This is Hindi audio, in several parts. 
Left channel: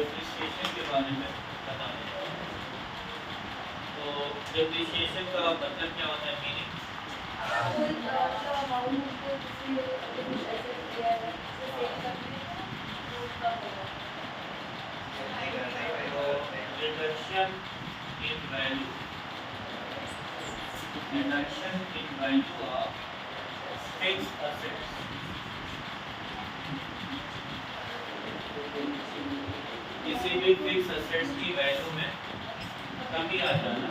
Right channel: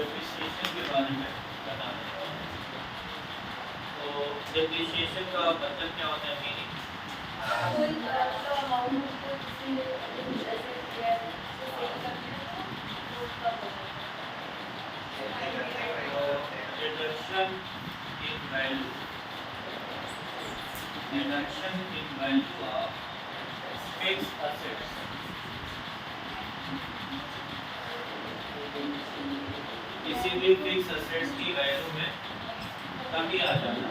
डेप्रिसिएशन के बारे में बताना चाहूँगा। तो डेप्रिसिएशन का मतलब क्या होता है, meaning? Reduction in value, reduction in value of fixed assets. किसी भी फिक्स असेट्स की वैल्यू में कमी आ जाना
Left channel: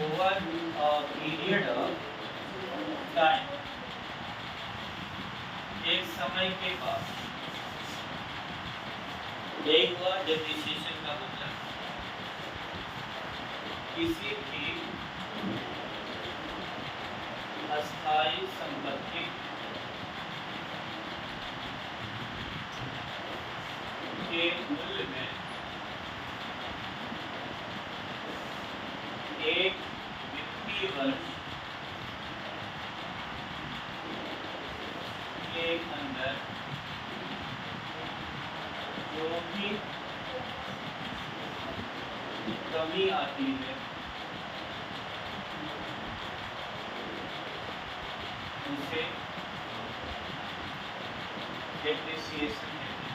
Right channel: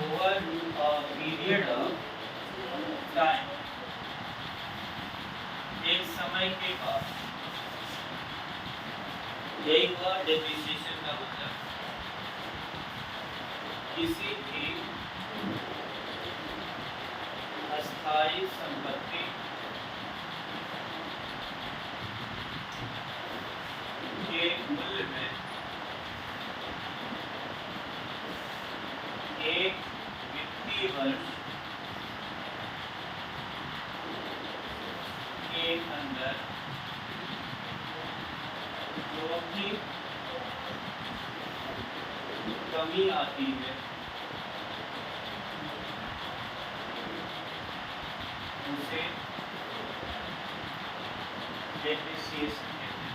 over a period of time, एक समय के बाद। यही हुआ डेप्रिसिएशन का मतलब। किसी भी अस्थायी संपत्ति के मूल्य में एक वित्तीय वर्ष के अंदर जो भी कमी आती है उसे डेप्रिसिएशन कहते हैं।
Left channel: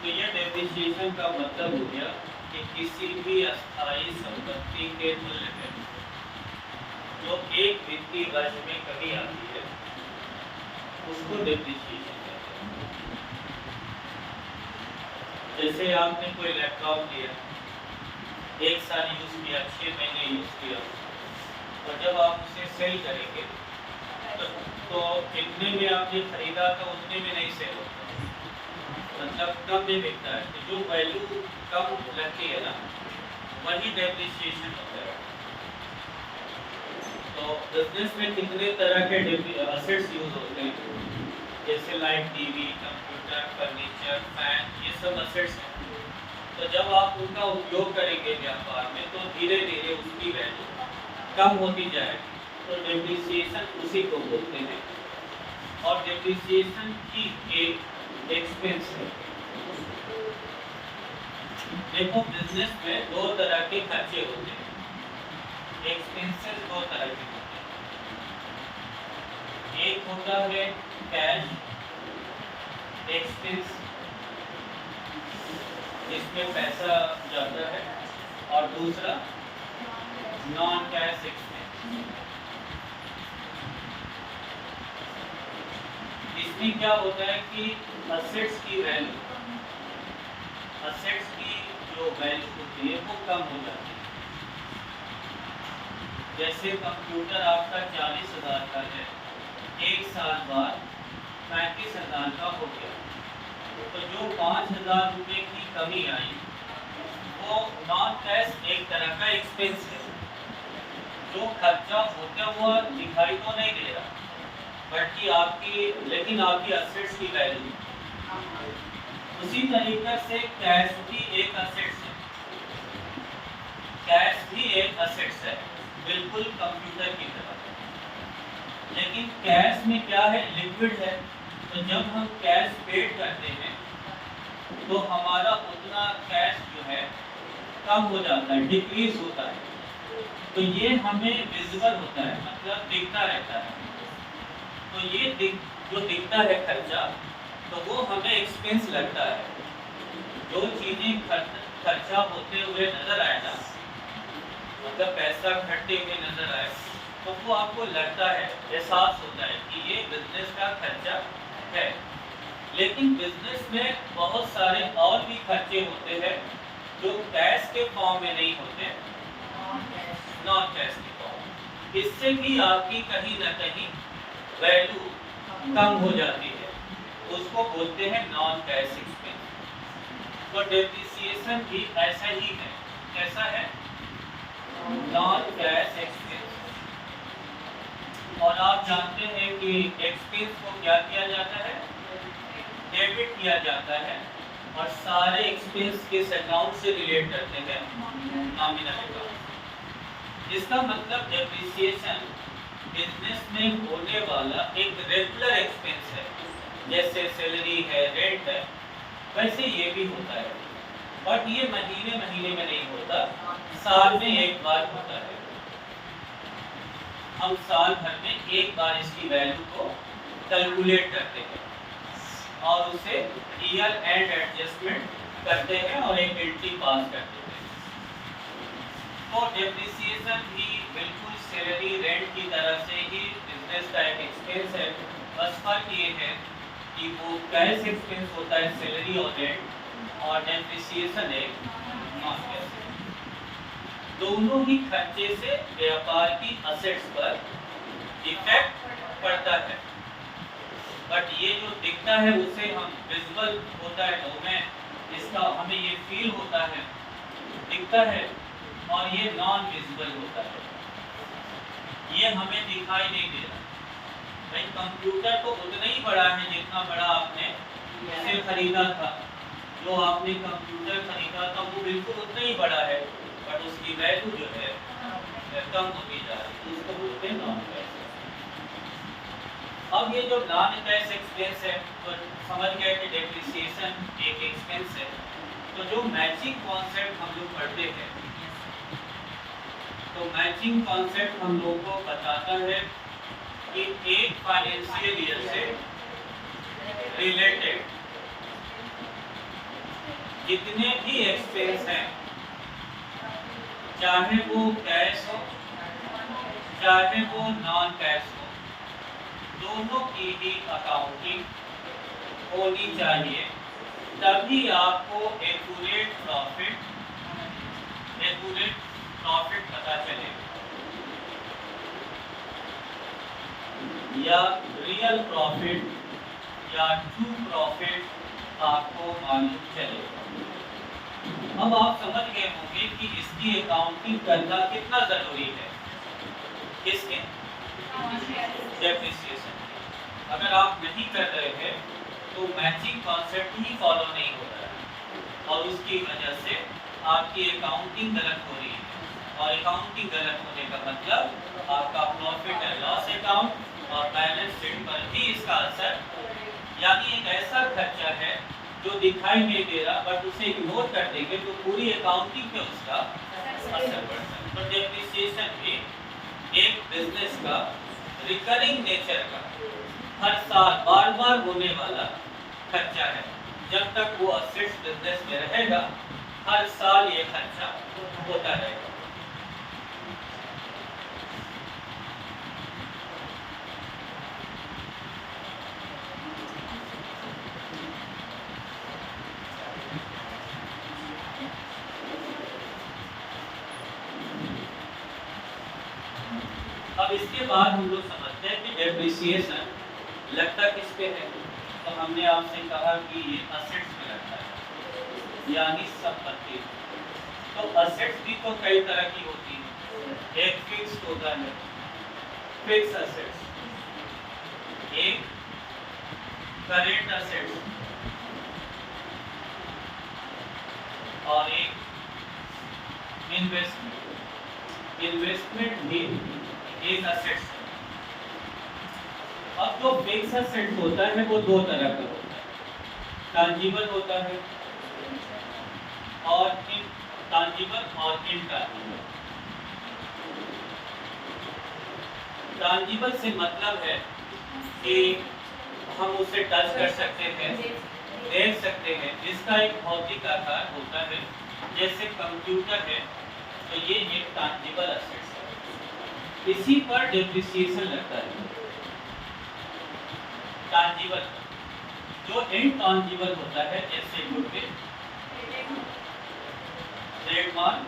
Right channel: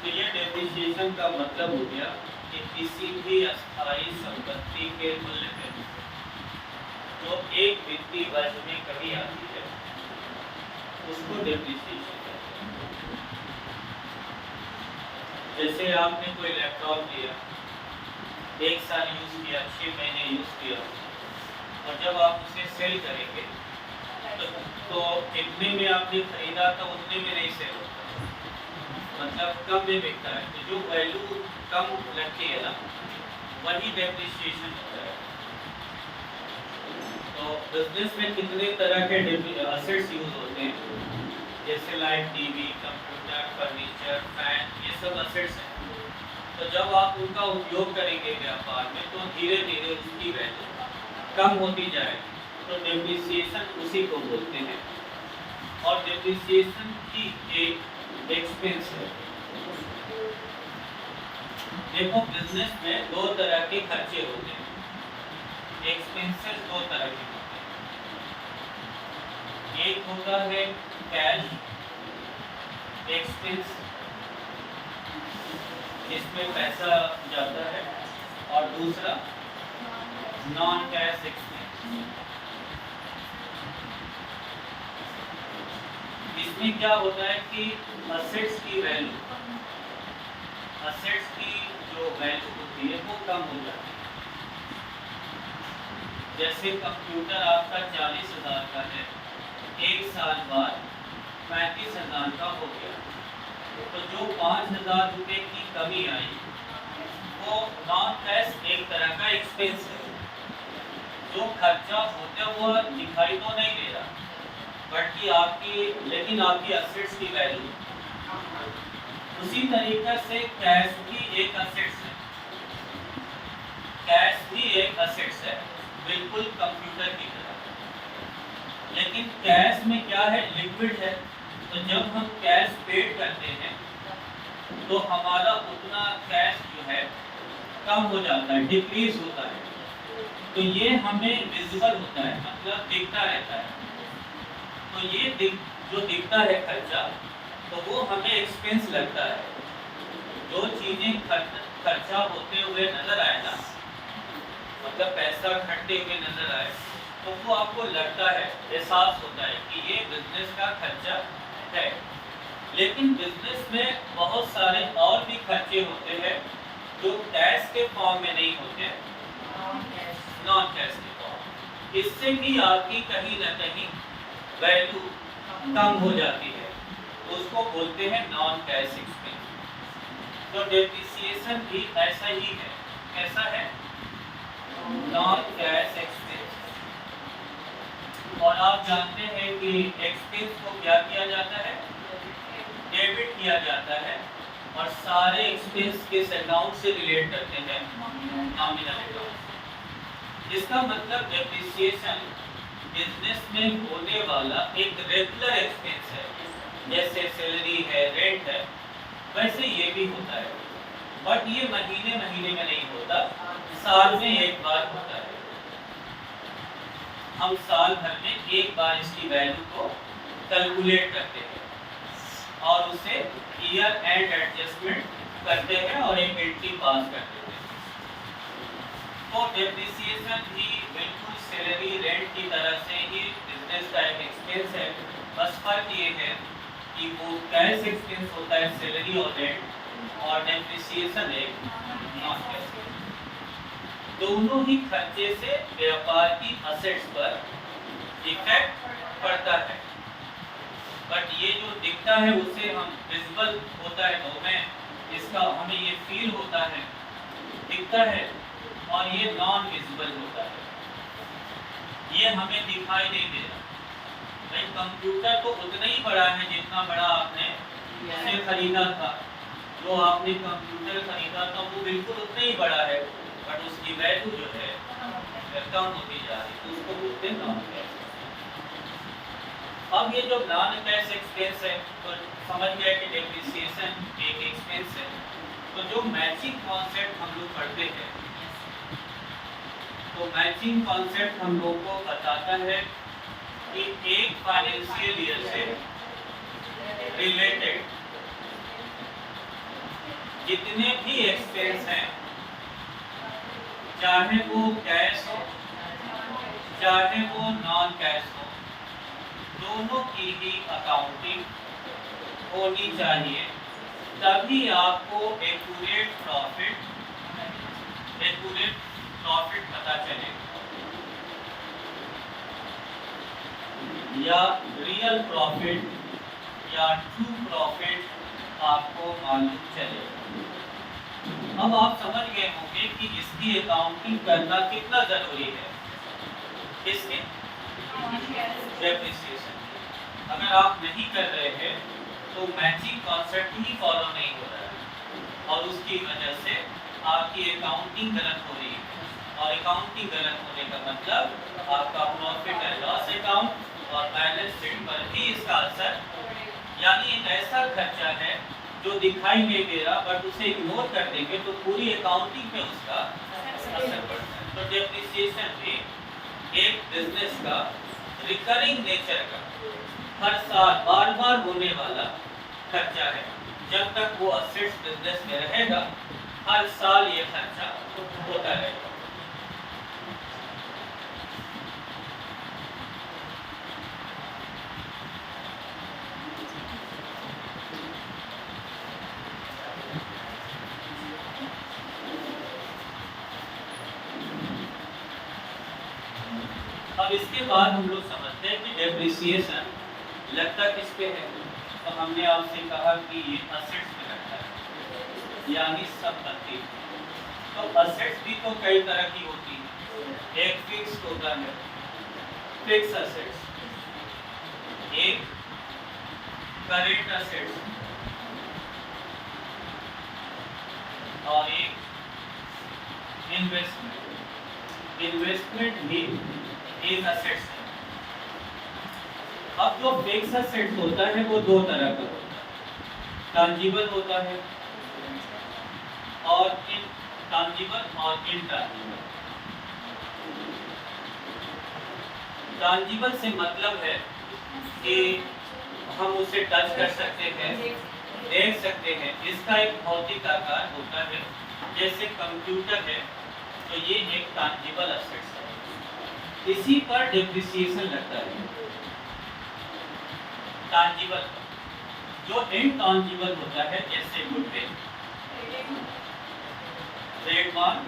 तो यह डेप्रिसिएशन का मतलब हो गया कि किसी भी अस्थायी संपत्ति के मूल्य में जो एक वित्तीय वर्ष में कमी आती है उसको डेप्रिसिएशन कहते हैं। जैसे आपने कोई लैपटॉप लिया, 1 साल यूज किया, 6 महीने यूज किया, और जब आप उसे सेल करेंगे तो जितने में आपने खरीदा था उतने में नहीं सेल होता, मतलब कम में बिकता है। तो जो वैल्यू कम लगती है ना, वही डेप्रिसिएशन होता है। तो बिजनेस में कितने तरह के असेट्स यूज होते हैं, जैसे light, TV, computer, furniture, fan, ये सब असेट्स हैं। तो जब आप उनका उपयोग करेंगे व्यापार में तो धीरे धीरे उसकी वैल्यू कम होती जाएगी। तो डेप्रिसिएशन उसी को बोलते हैं। और डेप्रिसिएशन की एक एक्सपेंस है। देखो, बिजनेस में 2 तरह के खर्चे होते हैं। एक्सपेंसेस 2 तरह के होते हैं। एक होता है कैश एक्सपेंस, जिसमें पैसा जाता है, और दूसरा नॉन कैश एक्सपेंस। इसमें क्या होता है कि असेट्स की वैल्यू, असेट्स की जो वैल्यू होती है वो कम हो जाती है। जैसे कंप्यूटर आपका 40,000 का है, 1 साल बाद 35,000 का हो गया, तो जो 5,000 रुपये की कमी आई वो नॉन कैश एक तरह का एक्सपेंस है। जो खर्चा होता है वो दिखाई तो नहीं दे रहा, बल्कि लेकिन आपकी असेट्स की वैल्यू। उसी तरीके से कैश भी एक असेट्स है, कैश भी एक असेट्स है, बिल्कुल कंप्यूटर की तरह। लेकिन कैश में क्या है, लिक्विड है। तो जब हम कैश पेड करते हैं तो हमारा उतना कैश जो है कम हो जाता है, डिक्रीज होता है। तो ये हमें विजिबल होता है, मतलब दिखता रहता है। तो ये जो दिखता है खर्चा, तो वो हमें एक्सपेंस लगता है। जो चीज़ें खर्चा होते हुए नजर आए ना, मतलब पैसा घटते हुए नजर आए, तो वो आपको लगता है, एहसास होता है कि ये बिजनेस का खर्चा है। लेकिन बिजनेस में बहुत सारे और भी खर्चे होते हैं जो कैश के फॉर्म में नहीं होते, नॉन कैश के फॉर्म। इससे भी आपकी कहीं ना कहीं वैल्यू कम हो जाती है, तो उसको बोलते हैं नॉन कैश एक्सपेंस। तो डेप्रिसिएशन भी ऐसा ही है, कैसा है, नॉन कैश एक्सपेंस। और आप जानते हैं कि एक्सपेंस को क्या किया जाता है, डेबिट किया जाता है, और सारे एक्सपेंस किस अकाउंट से रिलेट करते हैं, नॉमिनल अकाउंट। इसका मतलब डेप्रिसिएशन बिजनेस में होने वाला एक रेगुलर एक्सपेंस है, जैसे सैलरी है, रेंट है, वैसे ये भी होता है। बट ये महीने महीने में नहीं होता, साल में एक बार होता है। हम साल भर में एक बार इसकी वैल्यू को कैलकुलेट करते हैं और उसे ईयर एंड एडजस्टमेंट करते हैं और एक एंट्री पास कर देते हैं। तो डेप्रिसिएशन भी बिल्कुल सैलरी रेंट की तरह से ही बिजनेस का एक एक्सपेंस है। बस फर्क ये है कि वो कैश एक्सपेंस होता है सैलरी और रेंट, और डेप्रिसिएशन एक नॉन कैश। दोनों ही खर्चे से व्यापार की असेट्स पर इफेक्ट पड़ता है। बट ये जो दिखता है उसे हम विजिबल होता है, तो में इसका हमें ये फील होता है, दिखता है, और ये नॉन विजिबल होता है, ये हमें दिखाई नहीं दे रहा। भाई कंप्यूटर तो उतना ही बड़ा है जितना बड़ा आपने उसे खरीदा था। जो आपने कंप्यूटर खरीदा था वो बिल्कुल उतना ही बड़ा है, बट उसकी वैल्यू जो है कम होती जा रही है, उसको बोलते हैं नॉन कैश। अब ये जो नॉन कैश एक्सपेंस है, तो समझ गए कि डेप्रिसिएशन एक एक्सपेंस है। तो जो मैचिंग कॉन्सेप्ट हम लोग पढ़ते हैं, तो मैचिंग कॉन्सेप्ट हम लोग को बताता है कि एक फाइनेंशियल ईयर से रिलेटेड जितने भी एक्सपेंस हैं, चाहे वो कैश हो चाहे वो नॉन कैश हो, दोनों की ही अकाउंटिंग होनी चाहिए, तभी आपको एक्यूरेट प्रॉफिट पता चले या रियल प्रॉफिट या ट्रू प्रॉफिट आपको मालूम चले। अब आप समझ गए होंगे कि इसकी अकाउंटिंग करना कितना जरूरी है। इसके डेप्रिसिएशन अगर आप नहीं कर रहे हैं तो मैचिंग कॉन्सेप्ट ही फॉलो नहीं हो रहा है, और उसकी वजह से आपकी अकाउंटिंग गलत हो रही है। और अकाउंटिंग गलत होने का मतलब आपका प्रॉफिट एंड लॉस अकाउंट और बैलेंस शीट पर भी इसका असर, यानी एक ऐसा खर्चा है जो दिखाई नहीं दे रहा, बट उसे इग्नोर कर देंगे तो पूरी अकाउंटिंग पे उसका असर पड़ता है। तो डेप्रिसिएशन भी एक बिजनेस का रिकरिंग नेचर का हर साल बार बार होने वाला खर्चा है। जब तक वो असेट्स बिजनेस में रहेगा, हर साल ये खर्चा होता रहेगा। अब इसके बाद हम लोग समझते हैं कि डेप्रिसिएशन लगता किस पे है। तो हमने आपसे कहा कि ये असेट्स पे लगता है, यानी संपत्ति। तो असेट्स भी तो कई तरह की होती है। एक फिक्स होता है, फिक्स असेट्स, एक करेंट असेट्स, और एक इन्वेस्टमेंट। इन्वेस्टमेंट भी एक असेट्स है। अब जो फिक्स असेट होता है वो दो तरह का होता है, टांजिबल होता है और टांजिबल और इनटांजिबल। टांजिबल से मतलब है कि हम उसे टच कर सकते हैं, देख सकते हैं, इसका एक भौतिक आकार होता है। जैसे कंप्यूटर है, तो ये एक टांजिबल असेट्स है, इसी पर डेप्रिसिएशन लगता है। टांजिबल जो इनटांजिबल होता है, जैसे गुडविल, ट्रेडमार्क,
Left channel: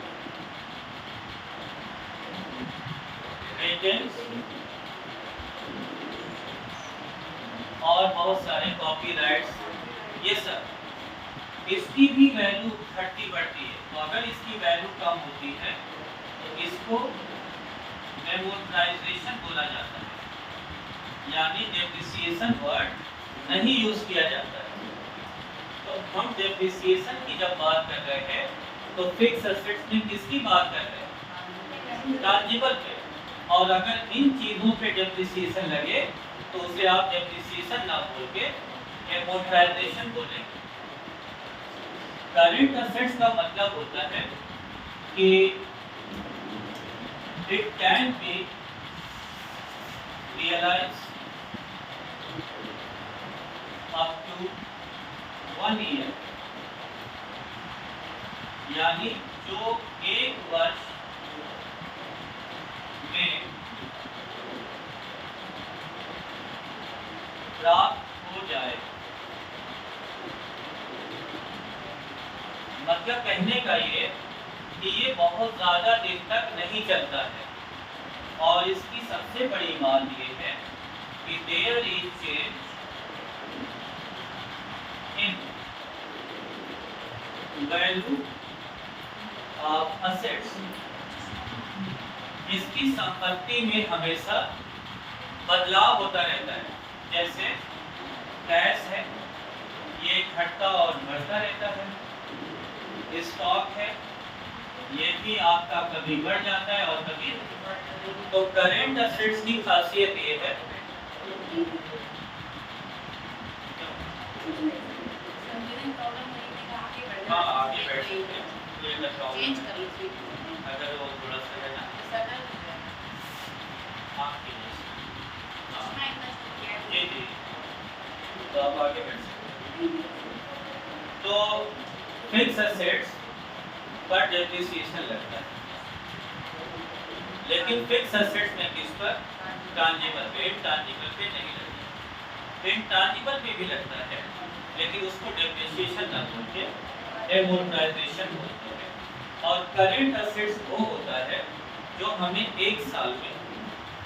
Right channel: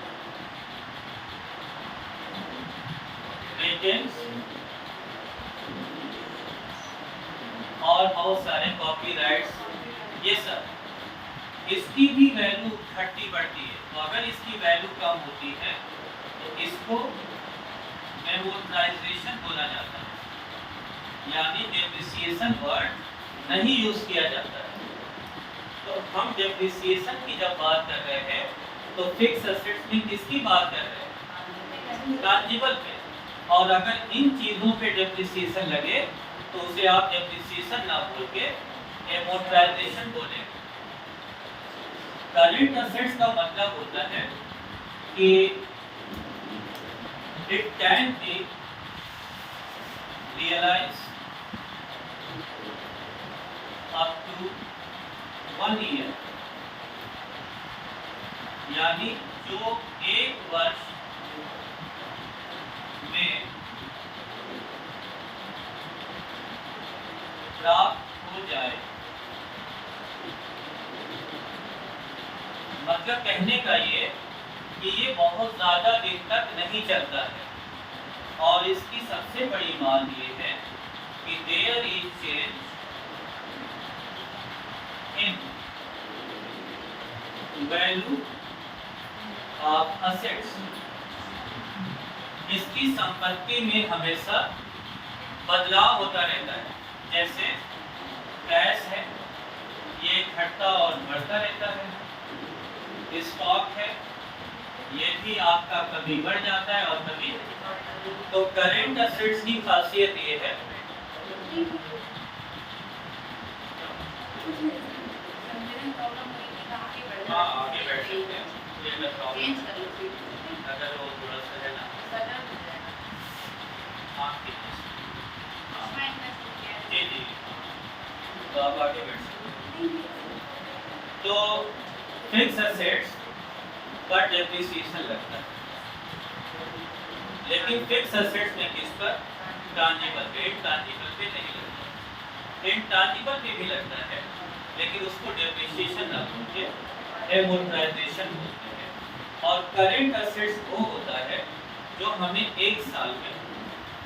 पेटेंट्स और बहुत सारे कॉपीराइट्स, ये सब इसकी भी वैल्यू घटती बढ़ती है। तो अगर इसकी वैल्यू कम होती है तो इसको एमोर्टाइजेशन बोला जाता है, यानी डेप्रिसिएशन वर्ड नहीं यूज किया जाता है। तो हम डेप्रिसिएशन की जब बात कर रहे हैं तो फिक्स असेट्स में किसकी बात कर रहे हैं? ट्रांजिबल पे, और अगर इन चीजों पे डेप्रिसिएशन लगे तो उसे आप डेप्रिसिएशन ना बोल के एमोर्टाइजेशन बोलेंगे। करंट असेट्स का मतलब होता है कि it can be realised up to 1 year, यानी जो 1 वर्ष में प्राप्त हो जाए। मतलब कहने का ये कि ये बहुत ज्यादा दिन तक नहीं चलता है, और इसकी सबसे बड़ी बात ये है कि there is change in value of assets. इसकी संपत्ति में हमेशा बदलाव होता रहता है। जैसे कैश है, ये घटता और बढ़ता रहता है। स्टॉक है, ये भी आपका कभी बढ़ जाता है और कभी नहीं बढ़ता। तो करेंट असेट्स की खासियत ये है हाँ आगे बैठ सकते हैं, अगर वो थोड़ा सा है ना जी जी, तो आप आगे बैठ सकते हैं। तो फिक्स एसेट्स पर डेप्रिसिएशन लगता है, लेकिन फिक्स एसेट्स में किस पर? ट्रांजिबल पे, इंटैंजिबल पे नहीं लगता। इंटैंजिबल पे भी लगता है, लेकिन उसको डेप्रिसिएशन ना बोल के एमोर्टाइजेशन बोलते हैं। और करंट एसेट्स वो होता है जो हमें 1 साल में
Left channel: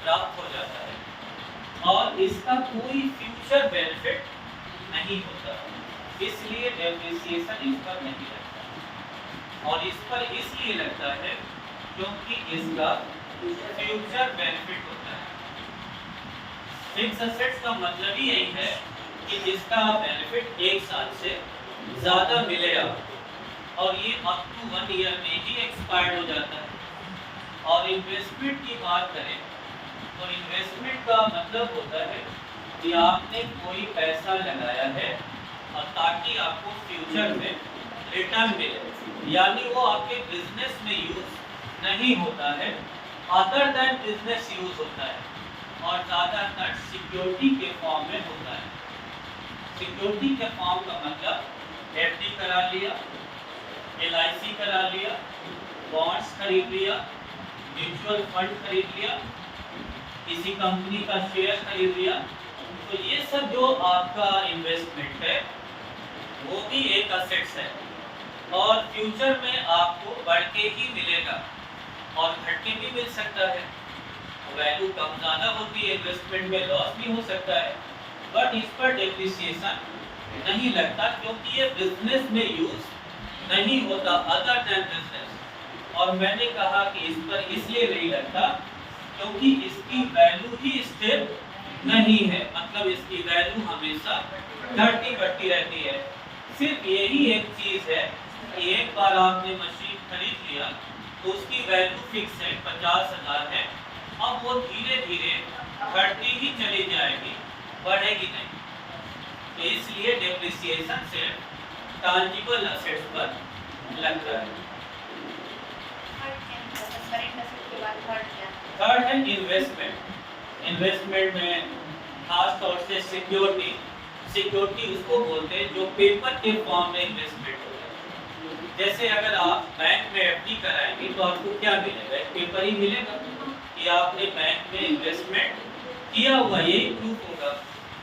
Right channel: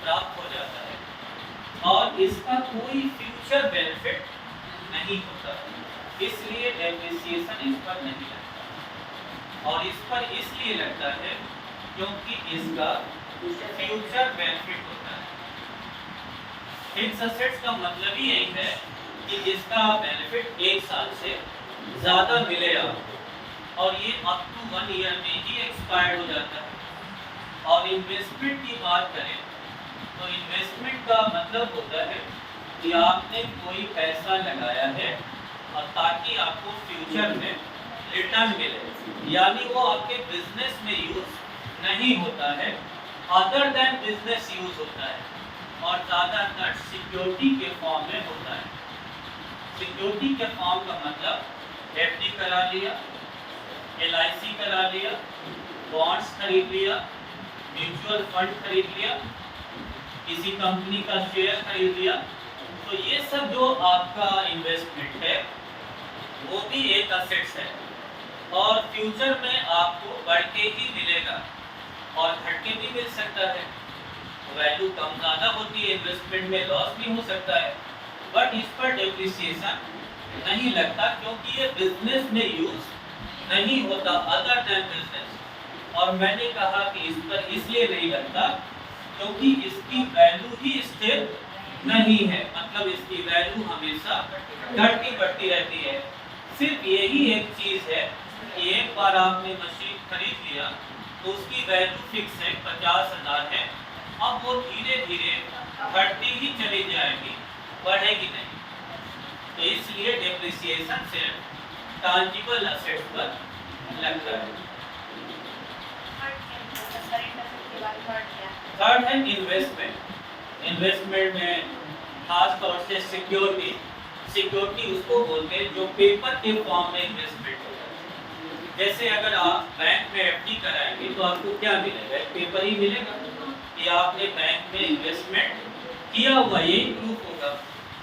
प्राप्त हो जाता है और इसका कोई फ्यूचर बेनिफिट नहीं होता, इसलिए डेप्रिसिएशन इस पर नहीं लगता। और इस पर इसलिए लगता है क्योंकि इसका फ्यूचर बेनिफिट होता है। फिक्स एसेट्स का मतलब ही यही है कि इसका बेनिफिट 1 साल से ज़्यादा मिलेगा, और ये अप टू 1 ईयर में ही एक्सपायर हो जाता है। और इन्वेस्टमेंट की बात करें तो इन्वेस्टमेंट का मतलब होता है कि आपने कोई पैसा लगाया है और ताकि आपको फ्यूचर में रिटर्न मिले, यानी वो आपके बिजनेस में यूज नहीं होता है, अदर देन बिजनेस यूज होता है, और ज़्यादातर सिक्योरिटी के फॉर्म में होता है। सिक्योरिटी के फॉर्म का मतलब एफडी करा लिया, एलआईसी करा लिया, बॉन्ड्स खरीद लिया, म्यूचुअल फंड खरीद लिया, किसी कंपनी का शेयर खरीद लिया। तो ये सब जो आपका इन्वेस्टमेंट है वो भी एक असेट्स है, और फ्यूचर में आपको बढ़ के ही मिलेगा और घट के भी मिल सकता है। वैल्यू कम ज़्यादा होती है, इन्वेस्टमेंट में लॉस भी हो सकता है, बट इस पर डेप्रिसिएशन नहीं लगता क्योंकि ये बिजनेस में यूज नहीं होता, अदर देन बिजनेस। और मैंने कहा कि इस पर इसलिए नहीं लगता क्योंकि इसकी वैल्यू ही स्थिर नहीं है, मतलब इसकी वैल्यू हमेशा घटती बढ़ती रहती है। सिर्फ यही एक चीज़ है कि एक बार आपने मशीन खरीद लिया तो उसकी वैल्यू फिक्स है, 50,000 है, अब वो धीरे धीरे घटती ही चली जाएगी, बढ़ेगी नहीं। तो इसलिए डेप्रिसिएशन से टैंजिबल असेट्स पर लगता है। थर्ड है इन्वेस्टमेंट। इन्वेस्टमेंट में खास तौर से सिक्योरिटी, सिक्योरिटी उसको बोलते हैं जो पेपर के फॉर्म में इन्वेस्टमेंट होता है। जैसे अगर आप बैंक में एफडी कराएंगे तो आपको क्या मिलेगा? पेपर ही मिलेगा कि आपने बैंक में इन्वेस्टमेंट किया हुआ, यही प्रूफ होगा।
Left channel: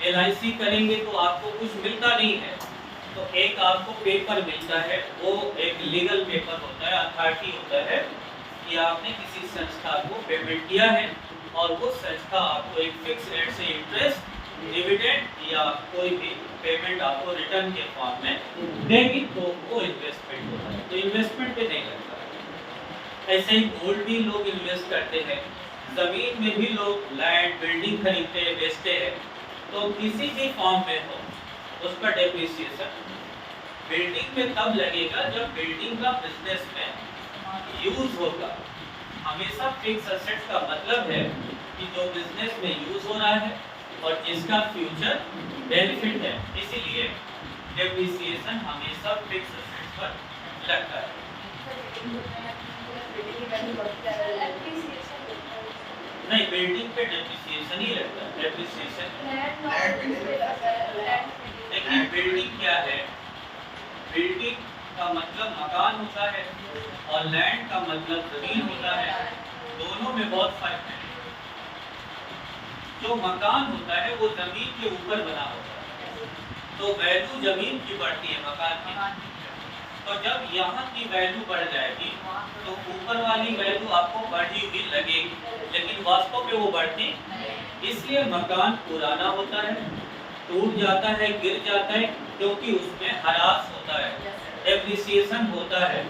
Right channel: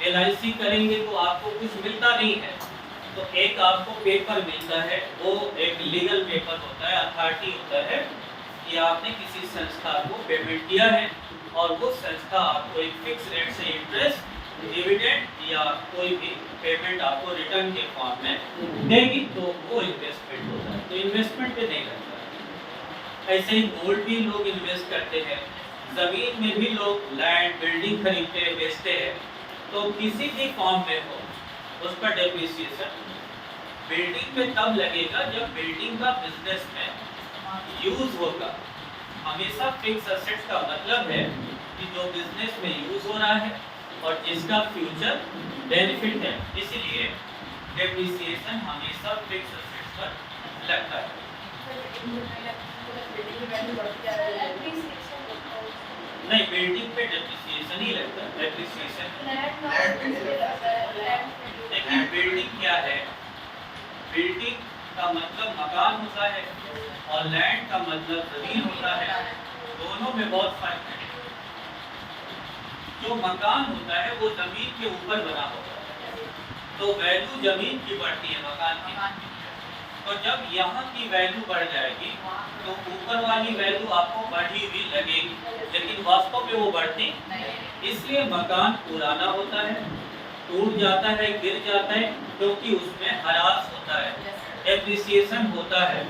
एलआईसी करेंगे तो आपको कुछ मिलता नहीं है, तो एक आपको पेपर मिलता है, वो एक लीगल पेपर होता है, अथॉरिटी होता है कि आपने किसी संस्था को पेमेंट किया है और वो संस्था आपको एक फिक्स रेट से इंटरेस्ट, डिविडेंड या कोई भी पेमेंट आपको रिटर्न के फॉर्म में देगी, तो वो इन्वेस्टमेंट होता है। तो इन्वेस्टमेंट पे नहीं लगता। ऐसे ही गोल्ड भी लोग इन्वेस्ट करते हैं, ज़मीन में भी लोग लैंड बिल्डिंग खरीदते हैं, बेचते हैं। तो किसी भी फॉर्म में हो उस पर डेप्रिसिएशन बिल्डिंग में तब लगेगा जब बिल्डिंग का बिजनेस में यूज होगा, हमेशा फिक्स एसेट्स का मतलब है कि जो बिजनेस में यूज हो रहा है और जिसका फ्यूचर बेनिफिट है, इसीलिए डेप्रिसिएशन हमेशा फिक्स एसेट्स पर लगता है। नहीं, बिल्डिंग पे डेप्रिसिएशन ही लगता है, डेप्रिसिएशन। लेकिन बिल्डिंग क्या है? बिल्डिंग का मतलब मकान होता है और लैंड का मतलब जमीन होता है, दोनों में बहुत फर्क है। जो मकान होता है वो जमीन के ऊपर बना होता है, तो वैल्यू जमीन की बढ़ती है मकान की। तो जब यहाँ की वैल्यू बढ़ जाएगी तो ऊपर वाली वैल्यू आपको बढ़ी हुई लगेगी, लेकिन वास्तव में वो बढ़ती। इसलिए मकान पुराना होता है, टूट जाता है, गिर जाता है, क्योंकि उसमें ह्रास होता है, डेप्रिसिएशन होता है।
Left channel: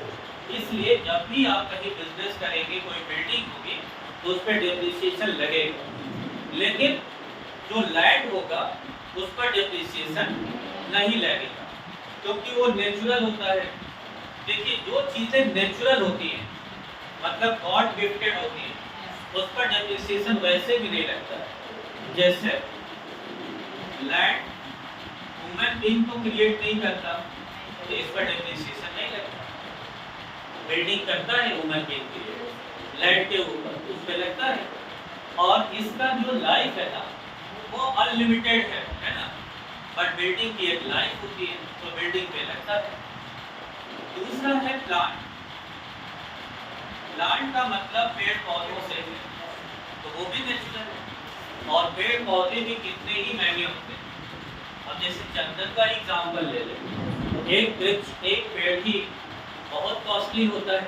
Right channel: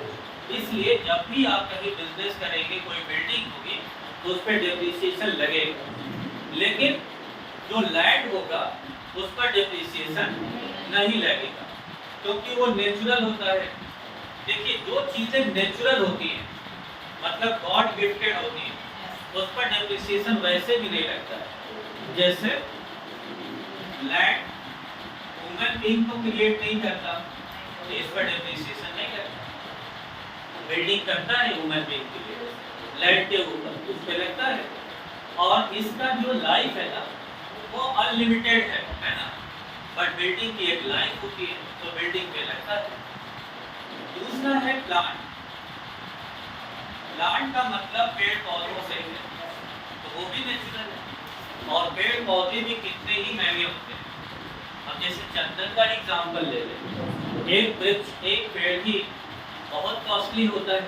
इसलिए जब भी आप कहीं बिजनेस करेंगे, कोई बिल्डिंग होगी, तो उस पर डेप्रिसिएशन लगेगा। लेकिन जो लैंड होगा उस पर डेप्रिसिएशन नहीं लगेगा, क्योंकि वो नेचुरल होता है। देखिए, जो चीजें नेचुरल होती हैं, मतलब गॉड गिफ्टेड होती हैं, उस पर डेप्रिसिएशन वैसे भी नहीं लगता है। जैसे लैंड ह्यूमन बीइंग को क्रिएट नहीं करता, तो इस पर डेप्रिसिएशन नहीं लगता। बिल्डिंग करता है ह्यूमन बीइंग के लिए, लैंड के ऊपर उस पर लगता है। और इसका जो लाइफ है ना, वो अनलिमिटेड है ना। बट बिल्डिंग की एक लाइफ होती है, तो बिल्डिंग पे लगता है। दूसरा है प्लांट। प्लांट का मतलब पेड़ पौधों से है, तो वो भी नेचुरल है। और पेड़ पौधे भी कितने ही महंगे होते हैं। अब जैसे चंदन का एग्जाम्पल ले लें, एक वृक्ष, एक पेड़ ही बहुत कॉस्टली होता है,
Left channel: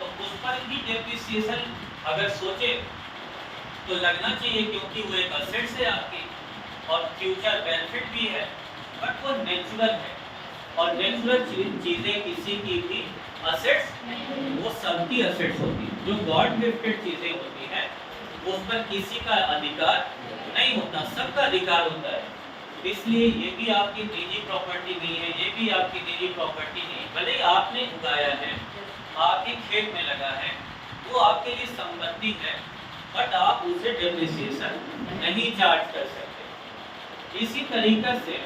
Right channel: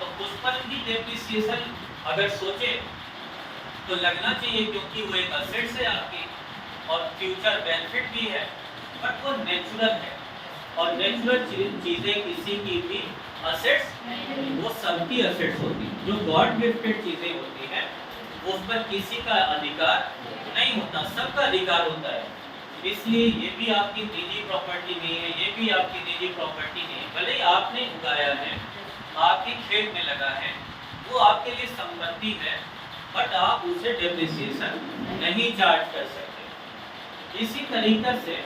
तो उस पर भी डेप्रिसिएशन अगर सोचे तो लगना चाहिए, क्योंकि वो एक असेट है आपकी और फ्यूचर बेनिफिट भी है। बट वो नेचुरल है, और नेचुरल चीजें किसी की भी असेट्स, वो सबकी असेट्स होती हैं। जो गॉड गिफ्टेड चीजें होती हैं उस पर किसी का अधिकार नहीं होता, सबका अधिकार होता है। इसलिए ये भी आपकी निजी प्रॉपर्टी नहीं है, ये भी आपकी निजी प्रॉपर्टी नहीं। भले ही आपने उगाया है, आपके खेत में लगा है, वो आपके लिए संपत्ति है, बट आप उसे डेप्रिसिएशन नहीं चार्ज कर सकते। इसी तरीके से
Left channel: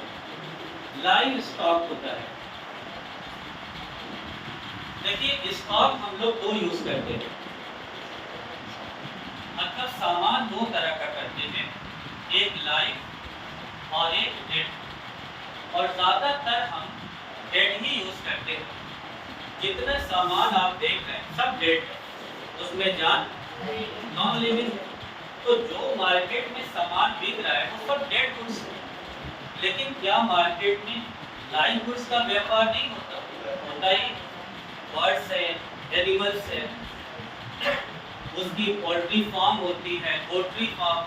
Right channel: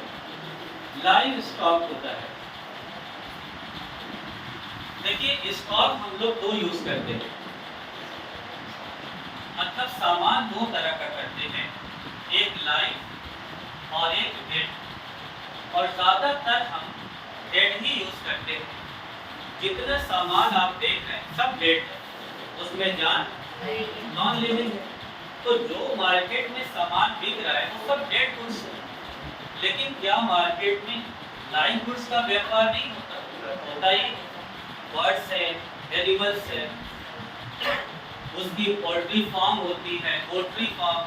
लाइव स्टॉक होता है। देखिए, स्टॉक हम लोग दो यूज करते हैं, मतलब सामान दो तरह का करते हैं, एक लाइव और एक डेड। और ज्यादातर हम डेड ही यूज करते हैं। जितना सामान आप देख रहे हैं सब डेड है, उसमें जान नॉन लिविंग है। तो जो मार्केट में सामान बिक रहा है वो सब डेड गुड्स है। लेकिन क्या मार्केट में लाइव गुड्स का व्यापार नहीं होता ही। बर्ड्स है, एनिमल्स है, उसकी पोल्ट्री फार्म होती है, पोल्ट्री फार्म,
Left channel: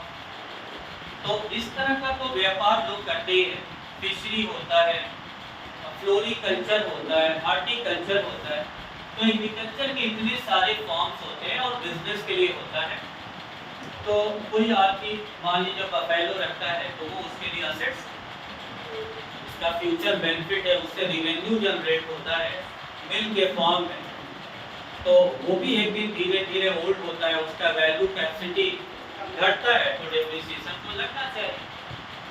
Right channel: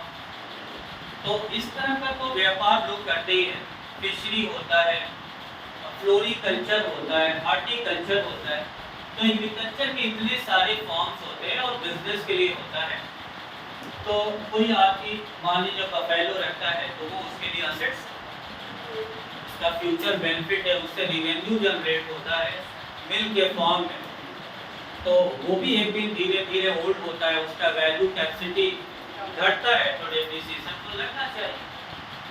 तो इस तरह का तो व्यापार लोग करते ही हैं। फिशरी होता है, फ्लोरिकल्चर होता है, हार्टिकल्चर होता है। तो एग्रीकल्चर के इतने सारे फॉर्म्स होते हैं और बिजनेस के लिए होता है। तो कोई आदमी मान लीजिए बफेलो रखता है, तो वो उसके लिए असेट्स, उसका फ्यूचर बेनिफिट है, उससे रिवेन्यू जनरेट होता है मिल्क के फॉर्म में। तो वो भी एक दिन धीरे धीरे ओल्ड होता है, उसका वैल्यू कैपेसिटी घटता है, तो डेप्रिसिएशन तो लगना चाहिए,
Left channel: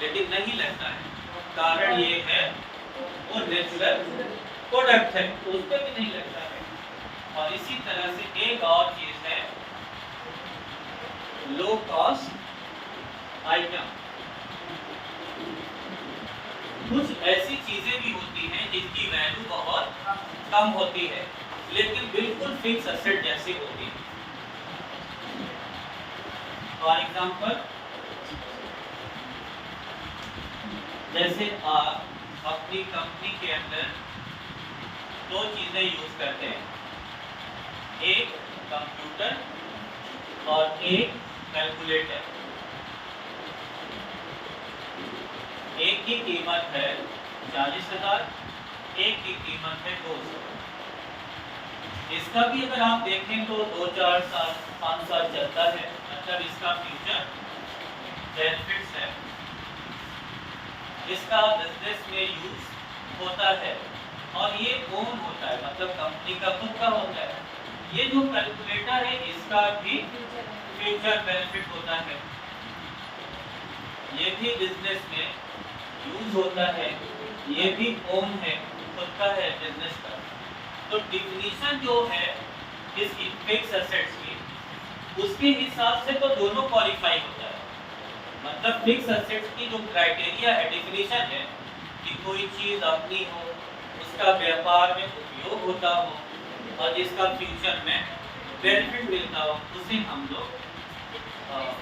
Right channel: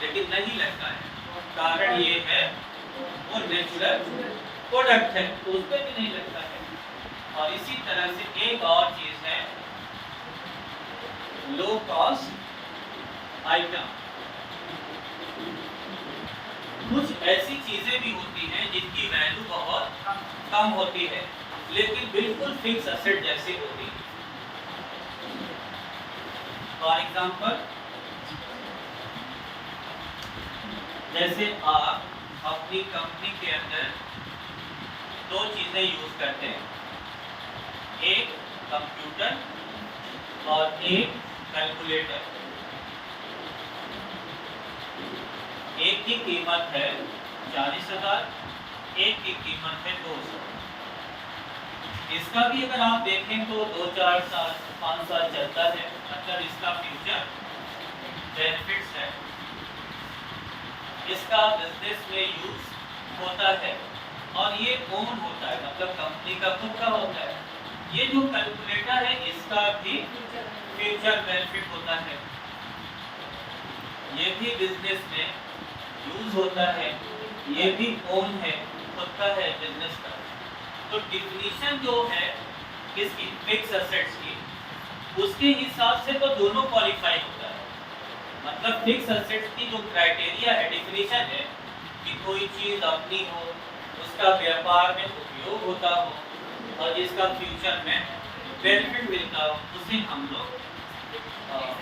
लेकिन नहीं लगता है। कारण ये है वो नेचुरल प्रोडक्ट है, तो उस पर भी नहीं लगता है। और इसी तरह से एक और चीज है लो कॉस्ट आइटम। कुछ ऐसी चीजें भी होती हैं जिनकी वैल्यू बहुत कम होती है, लेकिन बिल्कुल फिक्स एसेट जैसी होती है। फॉर एग्जाम्पल, जैसे आप अपनी कंपनी के अंदर दो चीजें यूज करते हैं, एक कंप्यूटर और एक कैलकुलेटर। एक की कीमत है 40,000, एक की कीमत है 200। इसका भी अगर आप देखें तो 2-4 साल 5 साल चलता है, मतलब इसका फ्यूचर बेनिफिट्स है, इसका बिजनेस में यूज होता है। और ये ओन होता है, मतलब कंपनी का खुद का होता है। ये जो कैलकुलेटर है इसका भी फ्यूचर बेनिफिट होता है, ये भी बिजनेस में यूज होता है, ये भी ओन है, खुद का है बिजनेस का। तो डिफिनीशन जो है इसकी फिक्स एसेट्स की, उसके हिसाब से तो दोनों क्वालिफाई होता है। मतलब फिक्स एसेट्स की जो क्राइटेरिया है, डिफिनीशन है कि कोई चीज़ अपनी हो, उसका व्यापार में उपयोग होता हो और जिसका फ्यूचर में बेनिफिट मिलता हो, उसे हम लोग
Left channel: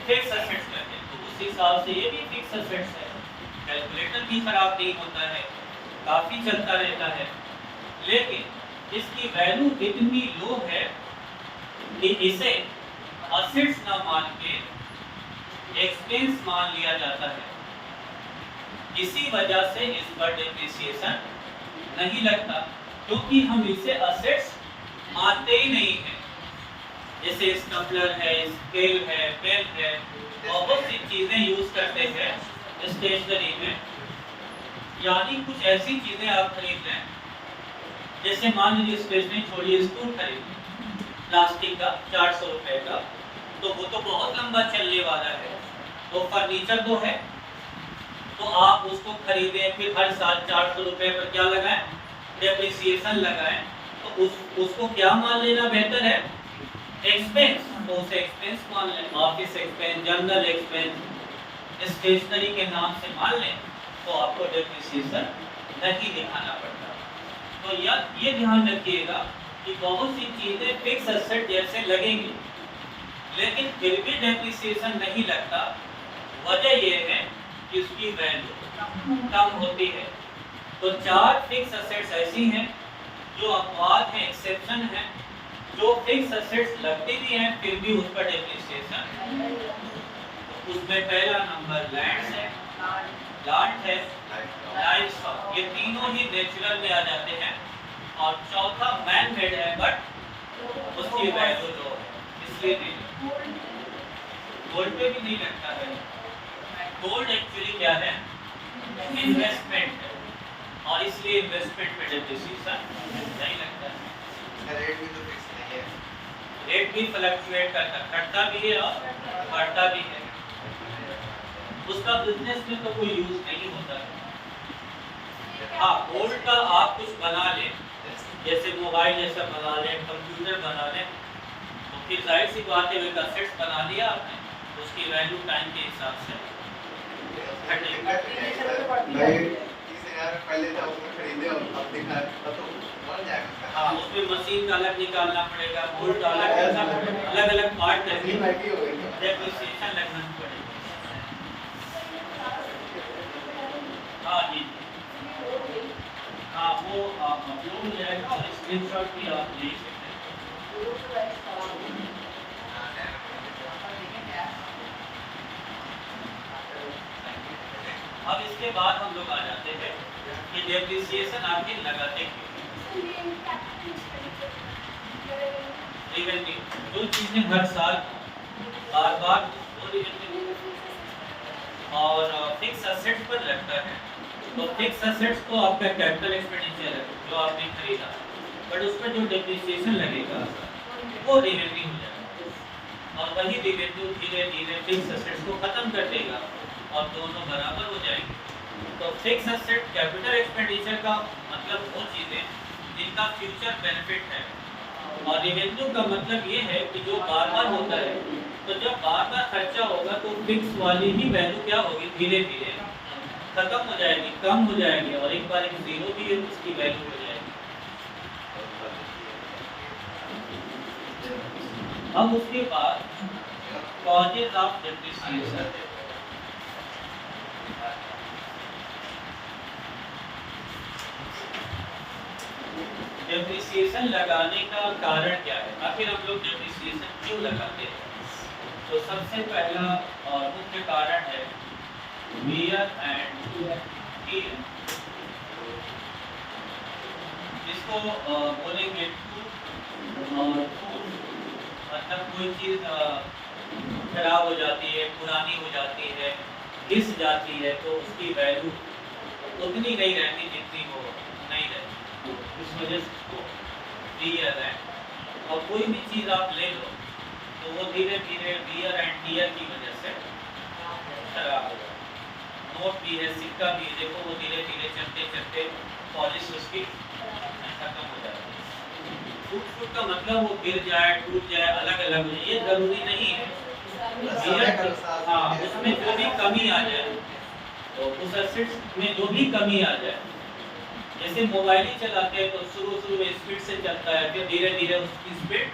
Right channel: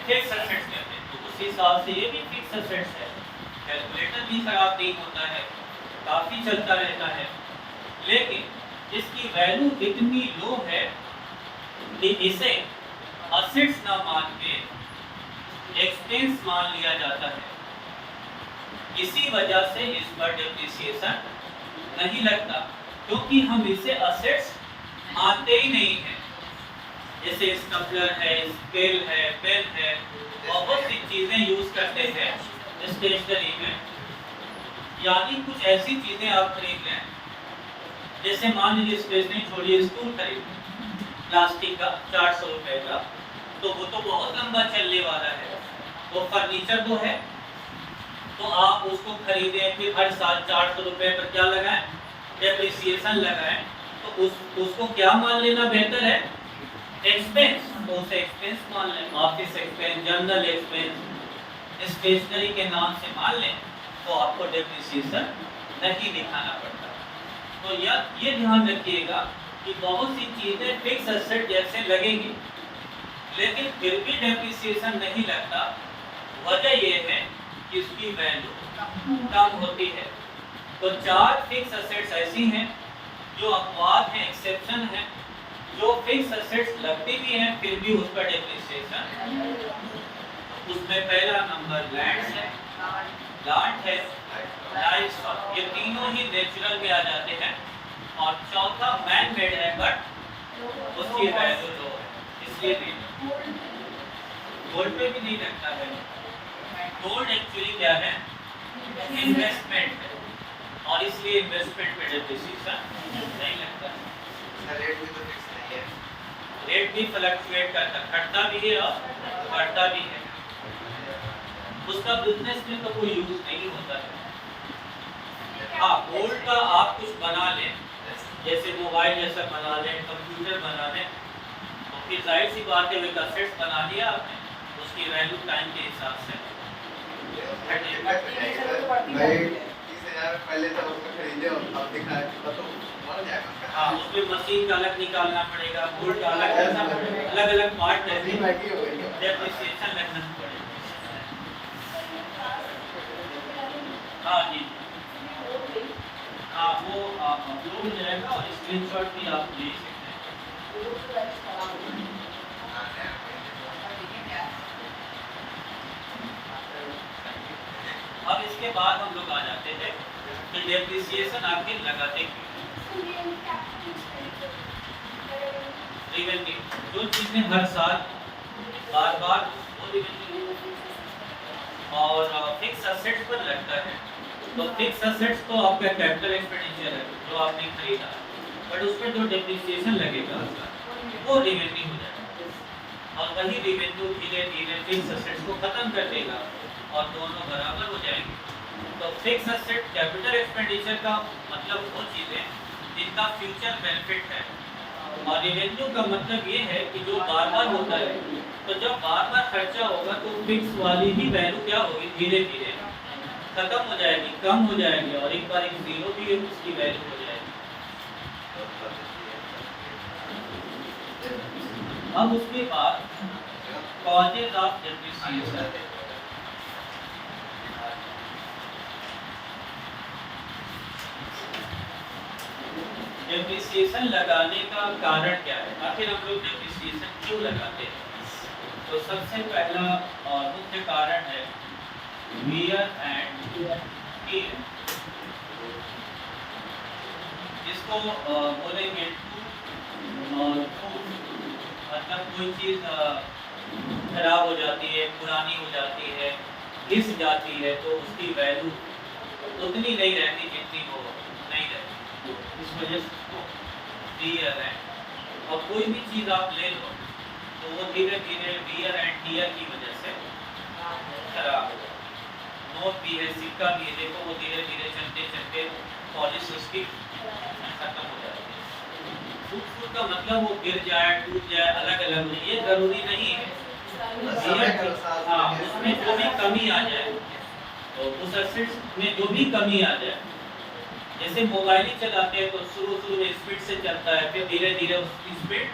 फिक्स एसेट्स कहते हैं। तो उस हिसाब से ये भी फिक्स एसेट्स है। कैलकुलेटर भी खराब नहीं होता है, काफ़ी चलता रहता है, लेकिन इसकी वैल्यू इतनी लो है कि इसे एसेट्स ना मान के एक्सपेंस मान लिया जाता है। इसी वजह से इस पर डिप्रिसिएशन नहीं लगता, क्योंकि हम इसे एसेट्स मानते ही नहीं हैं। जैसे स्टपलर है, स्केल है, पेन है, बहुत सी चीज़ें यूज करते हैं स्टेशनरी में। यानी कुछ ऐसी चीज़ें आप खरीद लें, जैसे मान लीजिए स्टेशनरी छोड़िए, स्टूल खरीद प्लास्टिक का 400 रुपए का, तो वो तो बहुत लंबा चलने वाला है। वो फर्नीचर तो है, तो आप उसको खरीदें, फिर हर साल 400 रुपए पर क्या लगाएं, डेप्रिसिएशन लगाएं, तो उसको क्या मान लेना बेहतर है, एक्सपेंस। तो उसे एक्सपेंस मान लें, office expense, general expense stationery के नाम से मान लें, तो आपको डेप्रिसिएशन नहीं दिखाना पड़ता। तो ये ध्यान रखिएगा कि बहुत सी चीज़ें फिक्स एसेट जैसे लगेंगी, लेकिन फिर भी डेप्रिसिएशन नहीं लगता। वजह ये है कि इसकी वैल्यू कम होती है। तो 4 फिक्स एसेट्स ऐसी हैं जो अपवाद हैं, एक्सेप्शन है, जो फिक्स एसेट्स लगती भी हैं फिर भी उस पर डेप्रिसिएशन। उसमें पहला नंबर लैंड है, प्लांट है, लाइवस्टॉक, ये तीनों ही नेचुरल में आ जाते हैं। और चौथा मैन मेड है, बट उसकी वैल्यू लो है, इसलिए नहीं। गोल्ड पे भी नहीं लगता है। गोल्ड एक्चुअली क्या है, इन्वेस्टमेंट है, और इसलिए इन्वेस्टमेंट पे डेप्रिसिएशन नहीं लगता है। रेट भी तो फिक्स नहीं है, रेट भी फ्लक्चुएट करता, घटता भी है और बढ़ता भी है। उसका बिजनेस में तो कोई यूज नहीं होता है। हाँ, गोल्ड का आप कुछ बना लें, जैसे मोबाइल जैसा बना लें, कंप्यूटर बना लें, तो फिर जाहिर सी बात है, एक एसेट बना लिया आपने, उसकी वैल्यू टाइम के हिसाब से पहले तो उसमें खरीदे और अब दिखा तो बढ़ जाएगा। हाँ, उसमें मशीन का अलग निकालना पड़ेगा, गोल्ड का अलग करना पड़ेगा, अलग अलग पार्ट करके डेप्रिसिएशन लगना पड़ेगा। हाँ जी, हाँ, वो आप अपलोड हो जाएगा और स्क्रीनशॉट भी आप ले सकते हैं। अब इसके बाद हम लोग आ जाते हैं कि डेप्रिसिएशन आखिर लगाते क्यों। रिवेन्यू, जो चीज़ें हर साल बार बार वो रिवेन्यू और फिक्स एसेट्स पर लगता है। तो फिक्स एसेट्स तो आपका कैपिटल एक्सपेंडिचर है जो आपने खरीदा, बट उस पर जो डेप्रिसिएशन लगेगा वो रिवेन्यू हो जाएगा, और वही रिवेन्यू धीरे धीरे फिक्स एसेट्स को खत्म कर देगा और दोनों बराबर हो जाएंगे। तो फिक्स एसेट कैपिटल एक्सपेंडिचर का मतलब वो चीज़ें जिनका फ्यूचर बेनिफिट है, और रिवेन्यू का मतलब ये है कि जो बार बार होता है। तो जब बार बार खर्चा होगा तो फिक्स वाली ही वैल्यू क्या होगी, धीरे धीरे खत्म हो जाएगी, कम हो जाएगी, और एक बार एक जीरो भी है उसकी वैल्यू हो जाएगी। अब उसके बाद कॉजेज ऑफ डेप्रिसिएशन। डेप्रिसिएशन लगाने का कारण क्या है, आखिर हम लोग डेप्रिसिएशन क्यों लगाते हैं? तो सबसे पहला और मुख्य कारण है वियर एंड टियर, जिसको बोलेंगे और मतलब कोई चीज़ खराब हो जाती है, पुरानी हो जाती है, घिस जाती है, तो उसकी वैल्यू उतनी नहीं रहती जितनी वो नहीं रहती। इस वजह से उसको वियर एंड और कोई भी चीज़ आप ले लो तो वो धीरे धीरे वियर एंड टियर की वजह से खराब हो जाता है। नोट भी है, सिक्का भी है, देखो वो धीरे धीरे चलते चलते पॉलिश उसकी खत्म हो जाती है। फूट फूट का मतलब वो गिर जाए, टूट जाए, अलग अलग हो जाए, ये जरूरी नहीं है। हाँ, उसमें जो भी कमी आ जाए, तो उस एसिड में जो भी कमी आ जाए, जैसे मोबाइल ही चलाते हैं तो शुरू में स्पीड से चलता है, फिर धीरे धीरे उसकी स्पीड,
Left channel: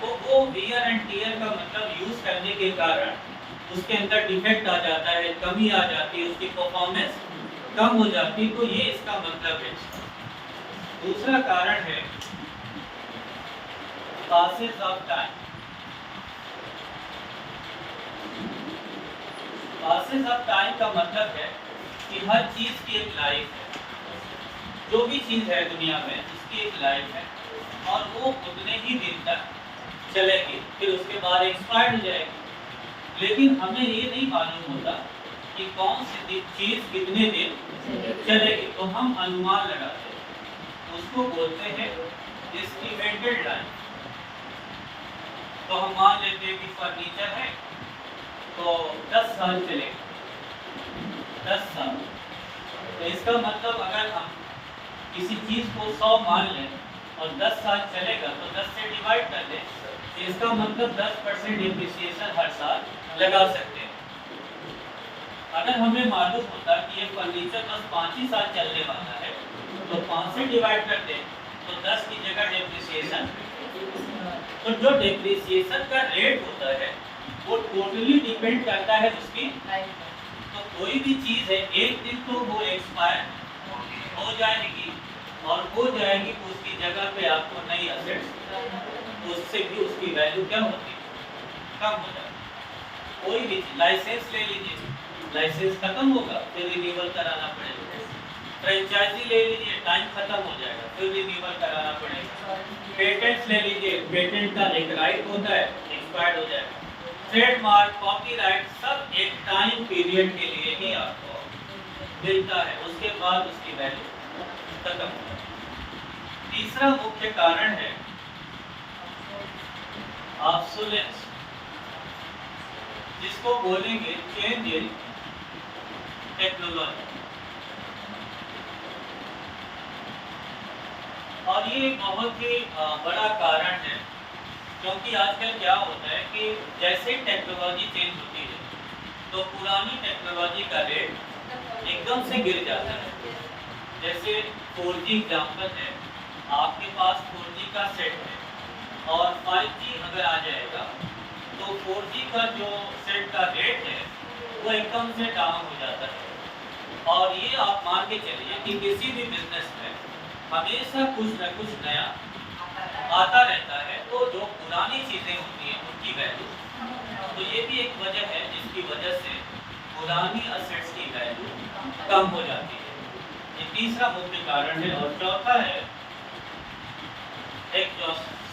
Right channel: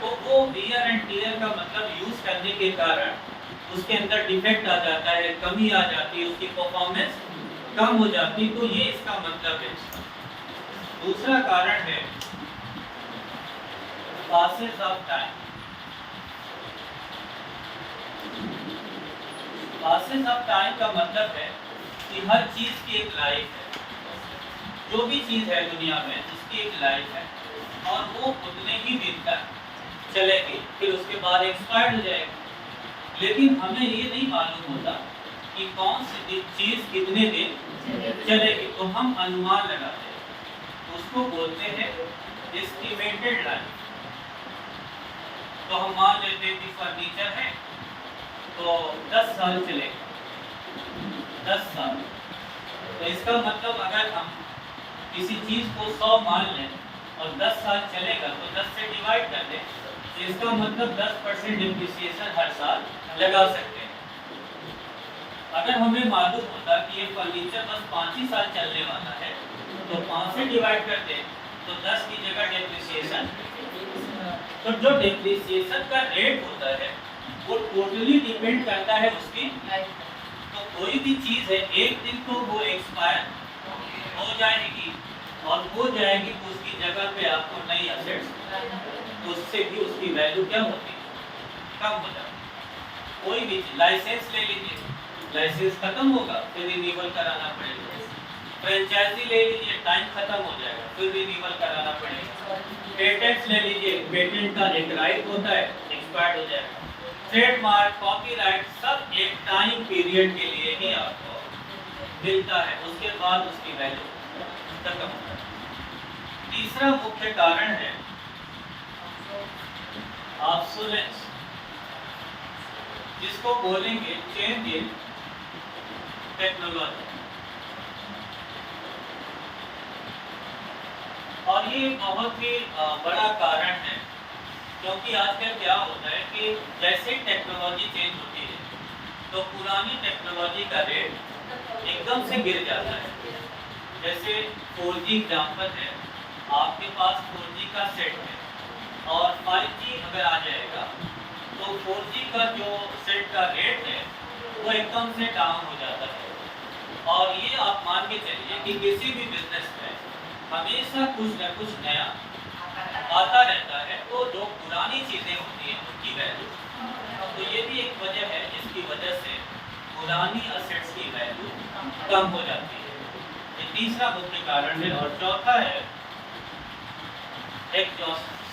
तो वो वियर एंड टियर का मतलब यूज करने के कारण उसके अंदर डिफेक्ट आ जाता है, कमी आ जाती है, उसकी परफॉर्मेंस कम हो जाती है, तो ये इसका मतलब है। दूसरा कारण है passes of time. Passes of time का मतलब है कि हर चीज की एक लाइफ है। जो भी चीज है दुनिया में उसकी एक लाइफ है और वो उतने ही दिन तक चलेगी, फिर उसके बाद एक्सपायर हो जाएगी। लेकिन हमें ये नहीं मालूम होता कि कौन सी चीज कितने दिन चलेगी, तो हम अनुमान लगाते हैं, उसको बोलते हैं एस्टिमेटेड लाइफ। तो हम मान लेते हैं कि फर्नीचर है तो 10 साल चलेगा, 10 साल। तो इसका मतलब अगर हम किसी चीज को 100 मान लें और 10 साल चलेगा तो 10 से डिवाइड कर दें, इसका मतलब 10% डिप्रिसिएशन हर साल लगा सकते हैं। अगर हमें मालूम होता कि ये फर्नीचर बस 5 ही साल चलने वाला है तो 5 से डिवाइड कर दें तो 10 की जगह डिप्रिसिएशन, तो जो डिप्रिसिएशन का रेट होता है वो टोटली डिपेंड करता है उसकी। तो कोई भी चीज है एक दिन तो वो एक्सपायर हो जाएगी और हो जाएगी तो उसकी जगह पे आपको नई असेट्स, उससे भी उसकी वैल्यू क्या होती है, कम हो जाती है। कोई भी चीज, लाइसेंस ले लीजिए, लाइसेंस खत्म होगा फिर रिन्यूअल कराना पड़ेगा। फ्रेंचाइजी ले लीजिए, टाइम खत्म हो जाएगा फिर रिन्यूअल कराना पड़ेगा। पेटेंट्स ले लीजिए, पेटेंट का एक राइट होता है, एक्सपायर्ड हो जाएगा। ट्रेडमार्क, कॉपीराइट सब एक टाइम पीरियड के लिए ही आपको मिलता है, उसके बाद उसकी वैल्यू खत्म हो जाती है। तीसरा मुख्य कारण है ऑब्सोलेंस, जिसको बोलेंगे चेंज इन टेक्नोलॉजी। और ये बहुत ही बड़ा कारण है, क्योंकि आजकल क्या होता है कि जैसे ही टेक्नोलॉजी चेंज होती है तो पुरानी टेक्नोलॉजी का रेट एकदम से गिर जाता है। जैसे 4G एग्जाम्पल है, आपके पास 4G का सेट है और 5G अगर आ जाएगा तो 4G का जो सेट का रेट है वो एकदम से डाउन हो जाता है। और ये आप मान के चलिए कि किसी भी बिजनेस में हमेशा कुछ न कुछ नया आता रहता है, तो जो पुरानी चीज़ें होती हैं उनकी वैल्यू, तो ये भी एक वजह है जिसकी वजह से पुरानी असेट्स की वैल्यू कम हो जाती है। ये तीसरा मुख्य कारण है। और चौथा है एग्जॉस्टेंस।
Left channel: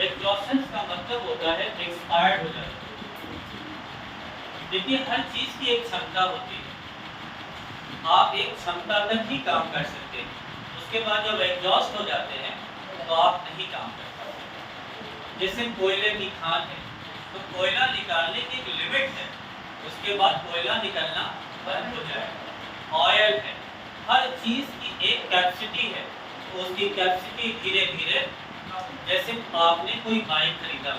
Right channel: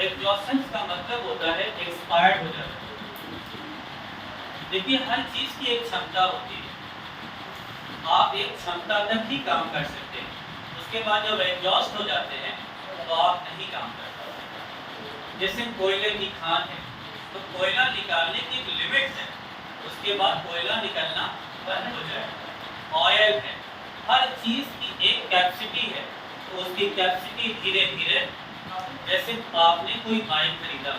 एग्जॉस्टेंस का मतलब होता है एक्सपायर्ड हो जाना। देखिए, हर चीज की एक क्षमता होती है, आप एक क्षमता तक ही काम कर सकते हैं, उसके बाद जब एग्जॉस्ट हो जाते हैं तो आप नहीं काम कर सकते। जैसे कोयले की खान है तो कोयला निकालने की एक लिमिट है, उसके बाद कोयला निकलना बंद हो जाएगा। ऑयल है, हर चीज की एक कैपेसिटी है, तो उसकी कैपेसिटी धीरे धीरे, जैसे आपने कोई बाइक खरीदा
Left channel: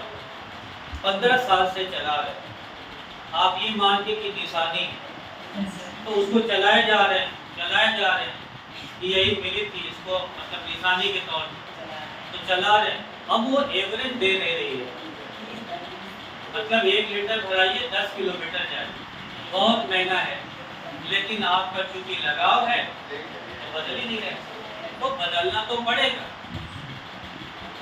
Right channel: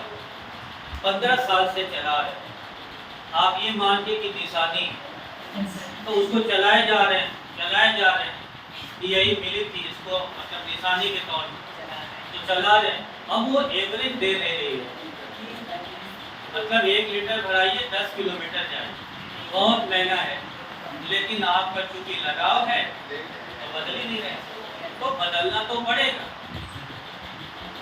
15 साल से चला रहे, आप ये मान के कि निशानी तो उसको चलाए जा रहे हैं, यही मिली थी इसको मतलब निशानी के तौर पर तो चला रहे हैं, अब वो एवरेज दे रही है, मतलब 1 लीटर भराइए 10 किलोमीटर जाए, बहुत महंगा है, लेकिन आपका चूंकि लगाव है तो बदल ही नहीं रहे, तो बदलना तो पड़ेगा।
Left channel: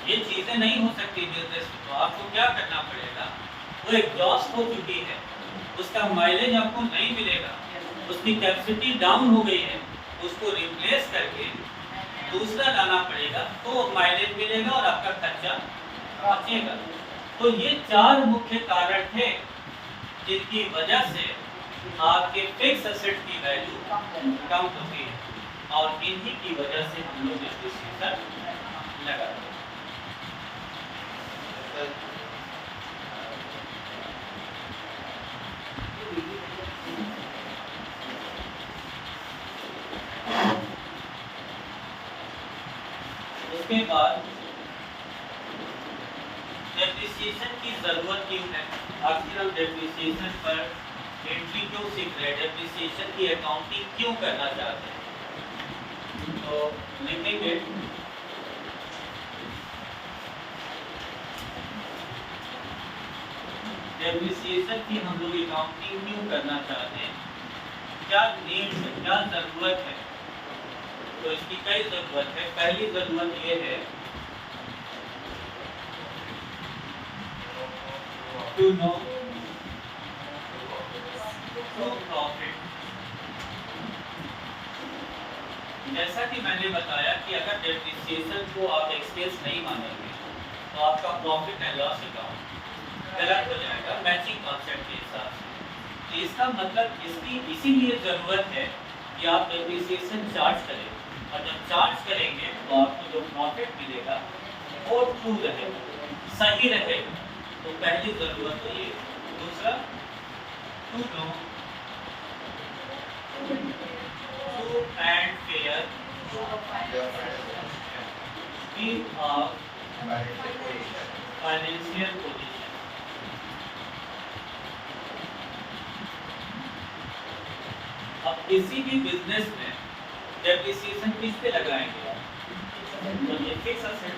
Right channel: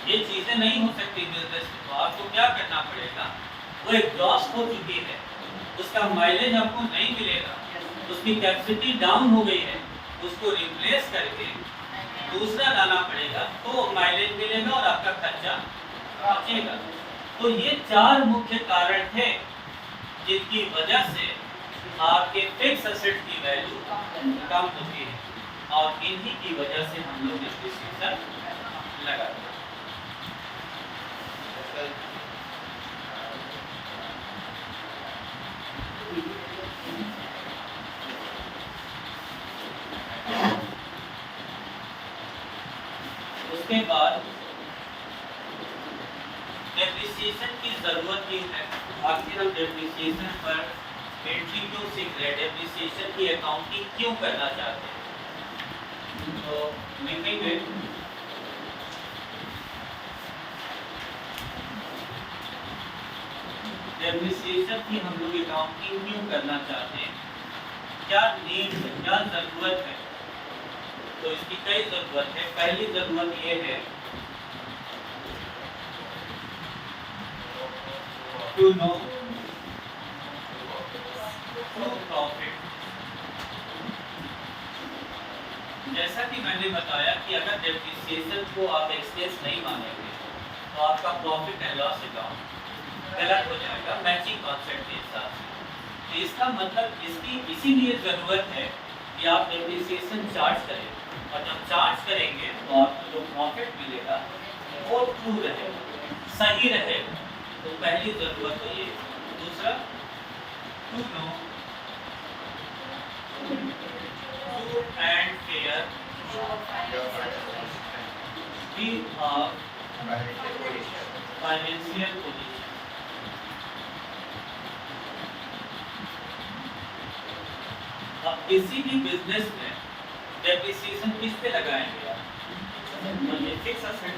ये चीजें नहीं हो सकती बिजनेस में, तो आपको क्या करना पड़ेगा, वो एग्जॉस्ट हो चुकी है, उसका माइलेज आपको नहीं मिलेगा, उसकी कैपेसिटी डाउन हो गई है, उसको रिप्लेस करके दूसरा लाना पड़ेगा तो माइलेज मिलेगा और आपका खर्चा बचेगा। तो ये 4 मुख्य कारण थे जिनकी वजह से आपके फिक्स एसेट की वैल्यू कम होती है और इन्हीं की वजह से हम लोग डिप्रिसिएशन लगाते हैं। उसके बाद डेप्रिसिएशन की जरूरत क्यों है, आखिर हम डेप्रिसिएशन पर एंट्री क्यों सीख रहे हैं, डेप्रिसिएशन की अकाउंटिंग क्यों करना चाहते हैं। तो लिखेंगे डेप्रिसिएशन की हम लोग अकाउंटिंग क्यों करना चाहते हैं, क्या नीड है, क्या जरूरत है। तो इसकी कई जरूरत है। पहली जरूरत ये है to know true profit। जैसा कि मैंने बताया कि अगर डेप्रिसिएशन को आप एक्सपेंस नहीं मानेंगे तो आपका प्रॉफिट एंड लॉस अकाउंट गलत हो जाएगा मैचिंग कॉन्सेप्ट के हिसाब से। तो इसका मतलब इसकी इसीलिए ज़रूरत है कि आप डेप्रिसिएशन चार्ज करें, और जब चार्ज करेंगे तो आपको जो प्रॉफिट मिलेगा वो ट्रू रहेगा, सही रहेगा। तो पहली ज़रूरत है ये। दूसरा, to know true and fair financial position. अब किसी भी बिजनेस में डेप्रिसिएशन किस पे लगाएंगे आप, तो ये फिक्स एसेट।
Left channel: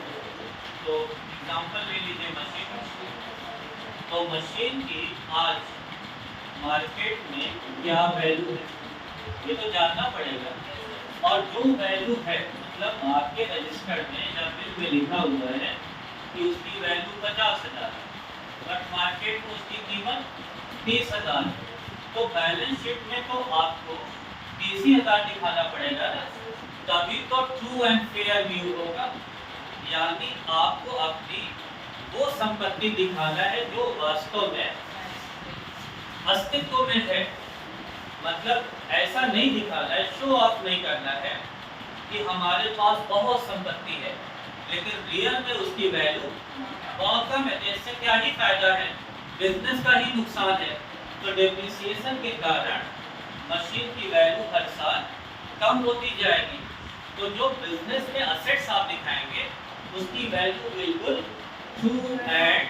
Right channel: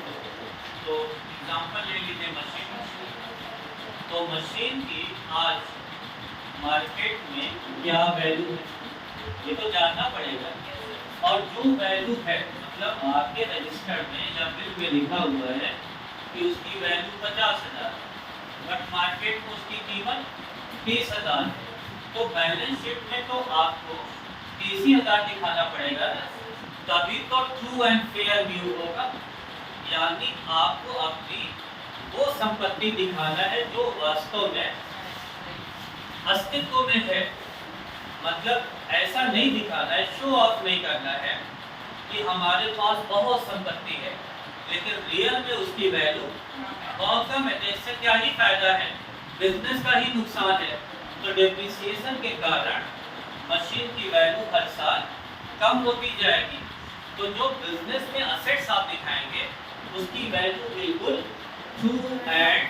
तो एग्जांपल ले लीजिए मशीन। तो मशीन की आज मार्केट में क्या वैल्यू है ये तो जानना पड़ेगा, और जो वैल्यू है मतलब आपके रजिस्टर में या बिल में लिखा हुआ है कि उसकी वैल्यू 50,000 है, बट मार्केट में उसकी कीमत 30,000 है। तो बैलेंस शीट में तो आपको 30,000 दिखाना पड़ेगा, तभी तो ट्रू एंड फेयर व्यू होगा। यानी आपको अपनी वो संपत्ति दिखाना है जो वास्तव में अस्तित्व में है। मतलब ऐसा नहीं दिखाना है, शो ऑफ नहीं करना है कि हमारे पास बहुत संपत्ति है लेकिन रियल में उसकी वैल्यू बहुत कम है। इससे क्या ही फायदा है, बिजनेस का ही नुकसान है। तो डेप्रिसिएशन के कारण मशीन की वैल्यू हर साल कम होती जाएगी। तो जो बिजनेस में असेट्स आप दिखाएंगे उसकी वैल्यू बिल्कुल ट्रू एंड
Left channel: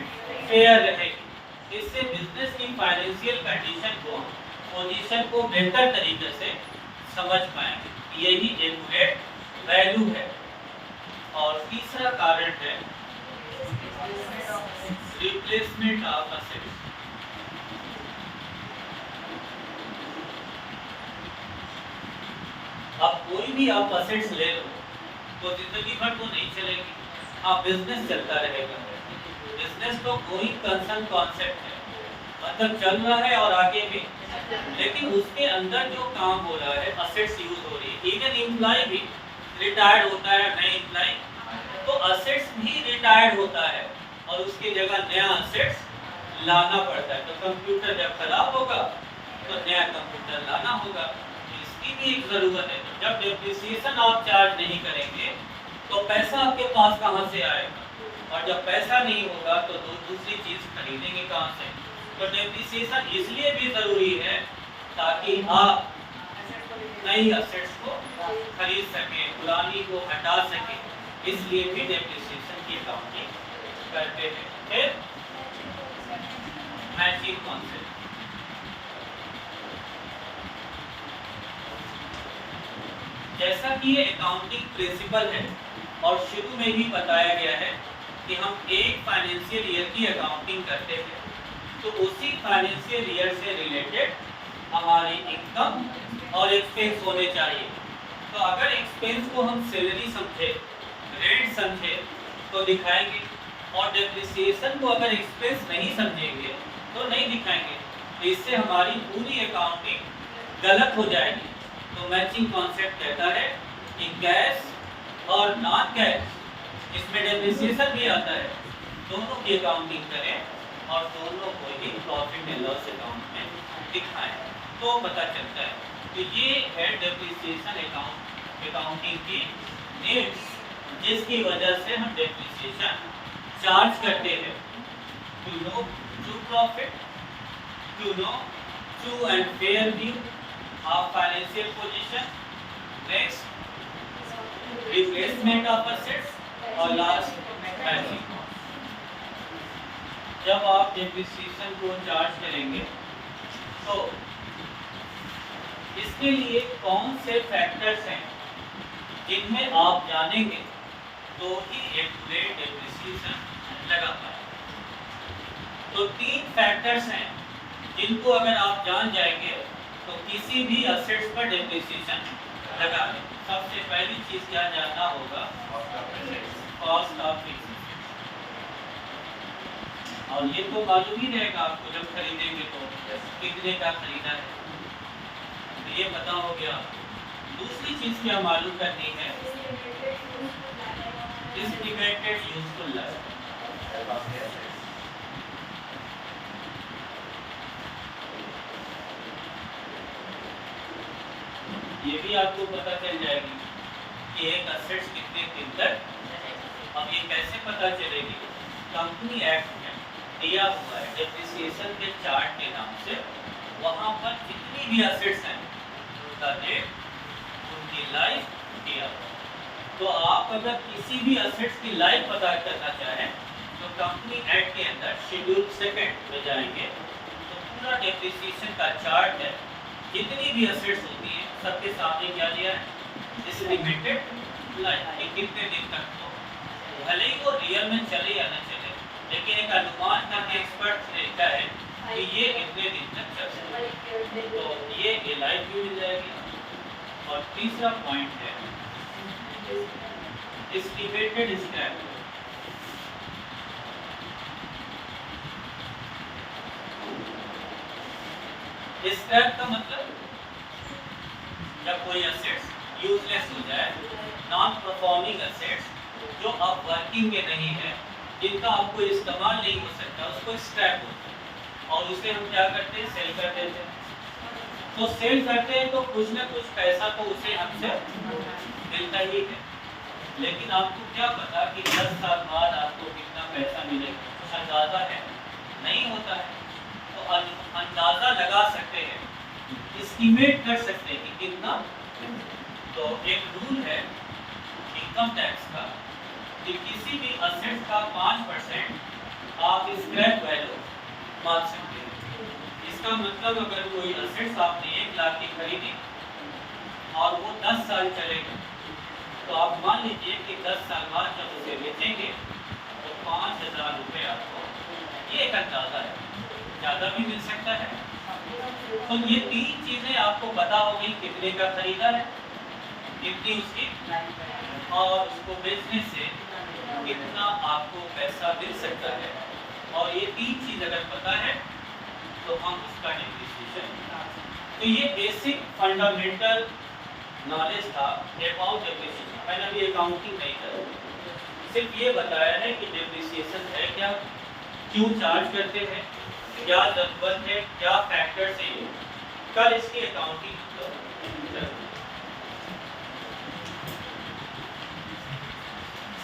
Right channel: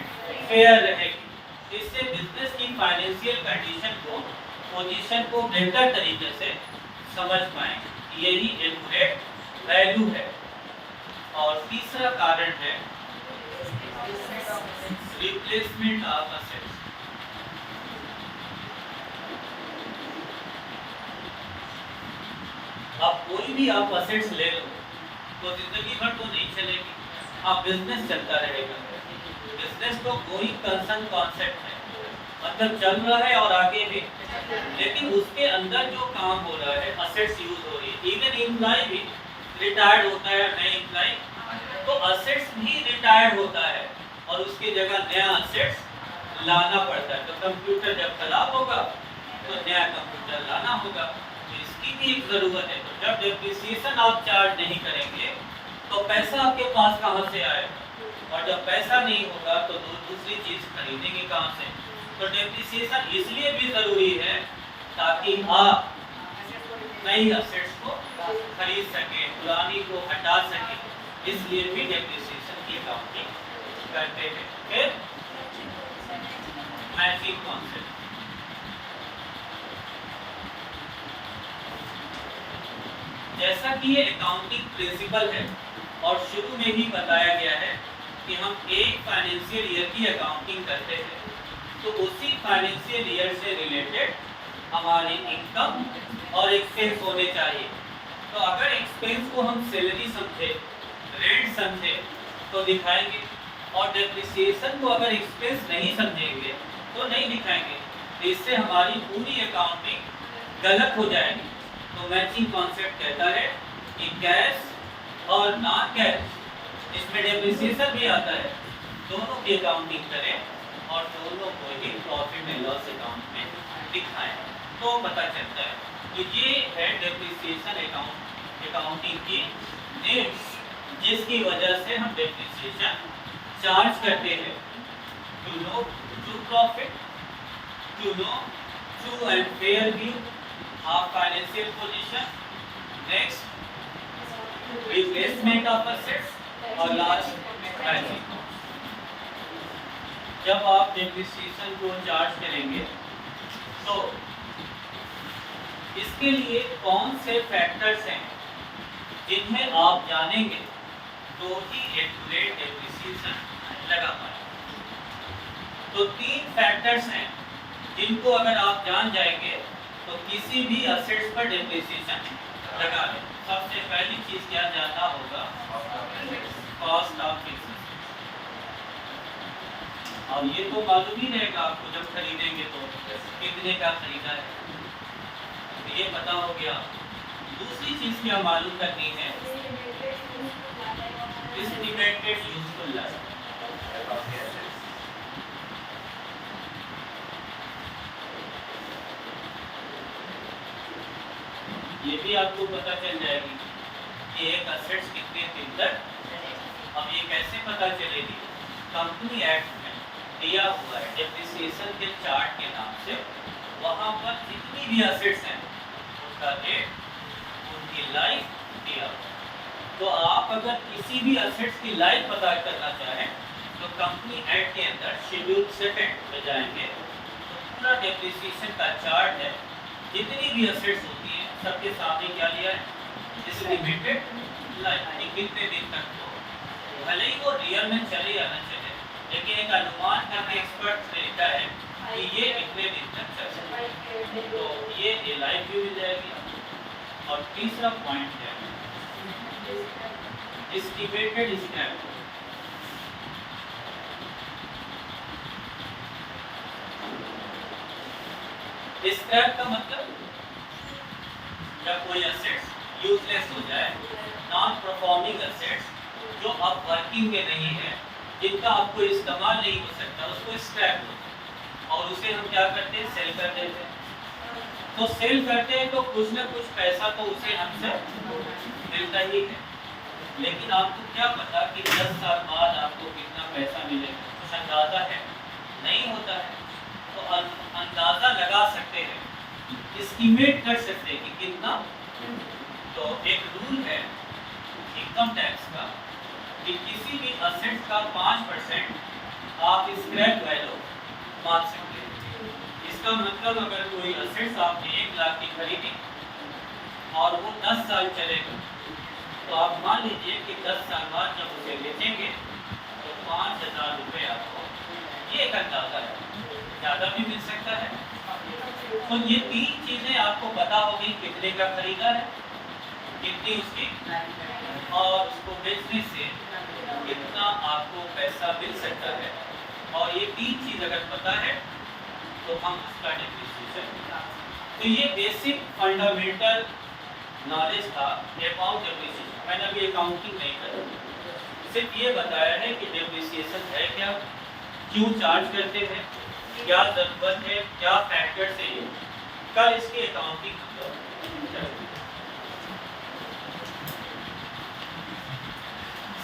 फेयर रहेगी। इससे बिजनेस की फाइनेंशियल कंडीशन को, पोजीशन को बेहतर तरीके से समझ पाएंगे। यही एक्यूरेट वैल्यू है। और तीसरा कारण है रिप्लेसमेंट ऑफ असेट्स। अब कोई भी आप असेट्स ले लो तो जिंदगी भर तो नहीं चलेगी, आप बिजनेस चलता रहेगा। बिजनेस तो कोई कंसर्न कॉन्सेप्ट है, मतलब चल रहा है और आगे भी, लेकिन उसके अंदर जो काम हो रहा है असेट्स यूज हो रही है। इवन एम्प्लॉय भी रिटायर्ड होता है, नए एम्प्लॉय, तो असेट्स भी रिटायर्ड होता है और उसकी जगह नया असेट्स लाना पड़ता है। तो कंप्यूटर जब खराब होगा तो नया कंप्यूटर लाना होगा, तो इसकी भी एक जरूरत है। तो जब डेप्रिसिएशन आप चार्ज नहीं करेंगे तो पैसा आपके पास कहाँ से आएगा, और जब पैसा नहीं होगा तो दूसरी चीज खरीदेंगे कहाँ से। तो डेप्रिसिएशन इसलिए भी जरूरी है ताकि आप नई असेट्स को खरीद सकें, पुरानी को हटा सकें। इसलिए भी डेप्रिसिएशन की अकाउंटिंग करते हैं। फिर मैचिंग कॉन्सेप्ट। जैसा कि ये अकाउंटिंग प्रिंसिपल है और शुरू में ही बताया गया है कि हम एक फाइनेंशियल ईयर की अकाउंटिंग करते हैं, तो उसी फाइनेंशियल ईयर से रिलेटेड हमारी इनकम और एक्सपेंस होने चाहिए। तो अगर एक्सपेंस को हम सैलरी समझे, रेंट समझे तो दिखाएंगे, और डेप्रिसिएशन को अगर एक्सपेंस नहीं समझेंगे तो नहीं दिखाएंगे। तो इससे हमारी पूरी अकाउंटिंग गलत हो जाएगी। तो मैचिंग कॉन्सेप्ट कहता है कि कैश और नॉन कैश, इसमें डेप्रिसिएशन भी आता है, दोनों की अकाउंटिंग करें और दोनों को ही प्रॉफिट एंड लॉस अकाउंट में दिखाएं, तो पता चलता है कि ये है डेप्रिसिएशन अकाउंटिंग की नीड्स। जिसकी वजह से हम डेप्रिसिएशन चार्ज करते हैं। To know true profit, to know true and fair view of financial position, next replacement of assets और लास्ट बैलेंसिंग। जब आप डेप्रिसिएशन को चार्ज करेंगे तो इसके लिए कौन से फैक्टर्स हैं जिनमें आप जानेंगे तो ही एक्यूरेट डेप्रिसिएशन लगा पाए। तो 3 फैक्टर्स हैं जिनको अगर आप जान जाएंगे तो किसी भी असेट्स पर डेप्रिसिएशन लगा दें। सबसे पहली चीज क्या जानना होगा, कॉस्ट ऑफ फिक्स्ड। और ये तो मालूम ही रहेगा आपको जब खरीदेंगे तो कितने का खरीदा है, तो ये पता हो गया। दूसरी चीज क्या मालूम करनी है, एस्टिमेटेड यूजफुल लाइफ। ये भी आपको पता चल जाएगी कि एक असेट्स कितने दिन तक। अब ये कैसे पता चलेगी, कंपनी एक्ट में दिया हुआ है डेप्रिसिएशन के चार्ट के नाम से, वहां पर जितनी भी असेट्स हैं उनका रेट, उनकी लाइफ दिया हुआ है। तो आप अगर किसी भी असेट्स की लाइफ पता करना चाहें तो कंपनी एक्ट के अंदर शेड्यूल 7 में जाएंगे तो पूरा डेप्रिसिएशन का चार्ट है, जितनी भी असेट्स होती हैं सबके सामने क्या दिया है, एस्टिमेटेड लाइफ, कितने दिन तक हो। भले ही वो रियल में चले या न चले, लेकिन एक अनुमान करके एक्सपर्ट देखता है कि ये इतने दिन तक चल सकता है, तो ये लाइफ भी मिल जाएगी। और तीसरा पॉइंट है एस्टिमेटेड स्क्रैप। स्क्रैप का मतलब जब कोई असेट्स यूजलेस हो जाए, नॉन परफॉर्मिंग असेट्स जो अब वर्किंग में नहीं है, जिनका आपको इस्तेमाल नहीं हो सकता, उसको स्क्रैप होता है। और उसे हम क्या करते हैं, सेल कर देते हैं। तो सेल करते हैं तो कुछ न कुछ पैसा तो उसे हमसे मिलता ही है, लेकिन आपको क्या पता कि 10 साल बाद आपको कितना पैसा मिलेगा, कुछ अंदाजा है नहीं होता है। तो अंदाजा लगा सकते हैं, एस्टिमेट कर सकते हैं कि कितना। तो एक रूल है इनकम टैक्स का कि किसी भी असेट का 5% आप स्क्रैप वैल्यू मान सकते हैं। इसका मतलब अगर कोई असेट्स आपने 1 लाख की खरीदी और वो 10 साल चलेगा, तो आप मान लीजिए कि 10 साल बाद जब उसे बेचेंगे तो 5,000 रुपये आपको, ये एक अंदाजा है, ज़्यादा भी मिल सकता है। तो ये 3 चीज़ें आपको पता होगी, कितने का खरीदा है, कितनी उसकी, और उसको बेचने से कितना आपको पैसा मिल सकता है। और ये 3 चीज़ अगर पता है तो हम उसका डेप्रिसिएशन। तो ये बेसिक फंडामेंटल नॉलेज था अबाउट डेप्रिसिएशन। मैंने अभी अकाउंटिंग नहीं करी, सिर्फ ये बताया है कि डेप्रिसिएशन है क्या, क्यों चार्ज करते हैं, क्या जरूरत है, क्या फैक्टर्स है। कल इसकी अकाउंटिंग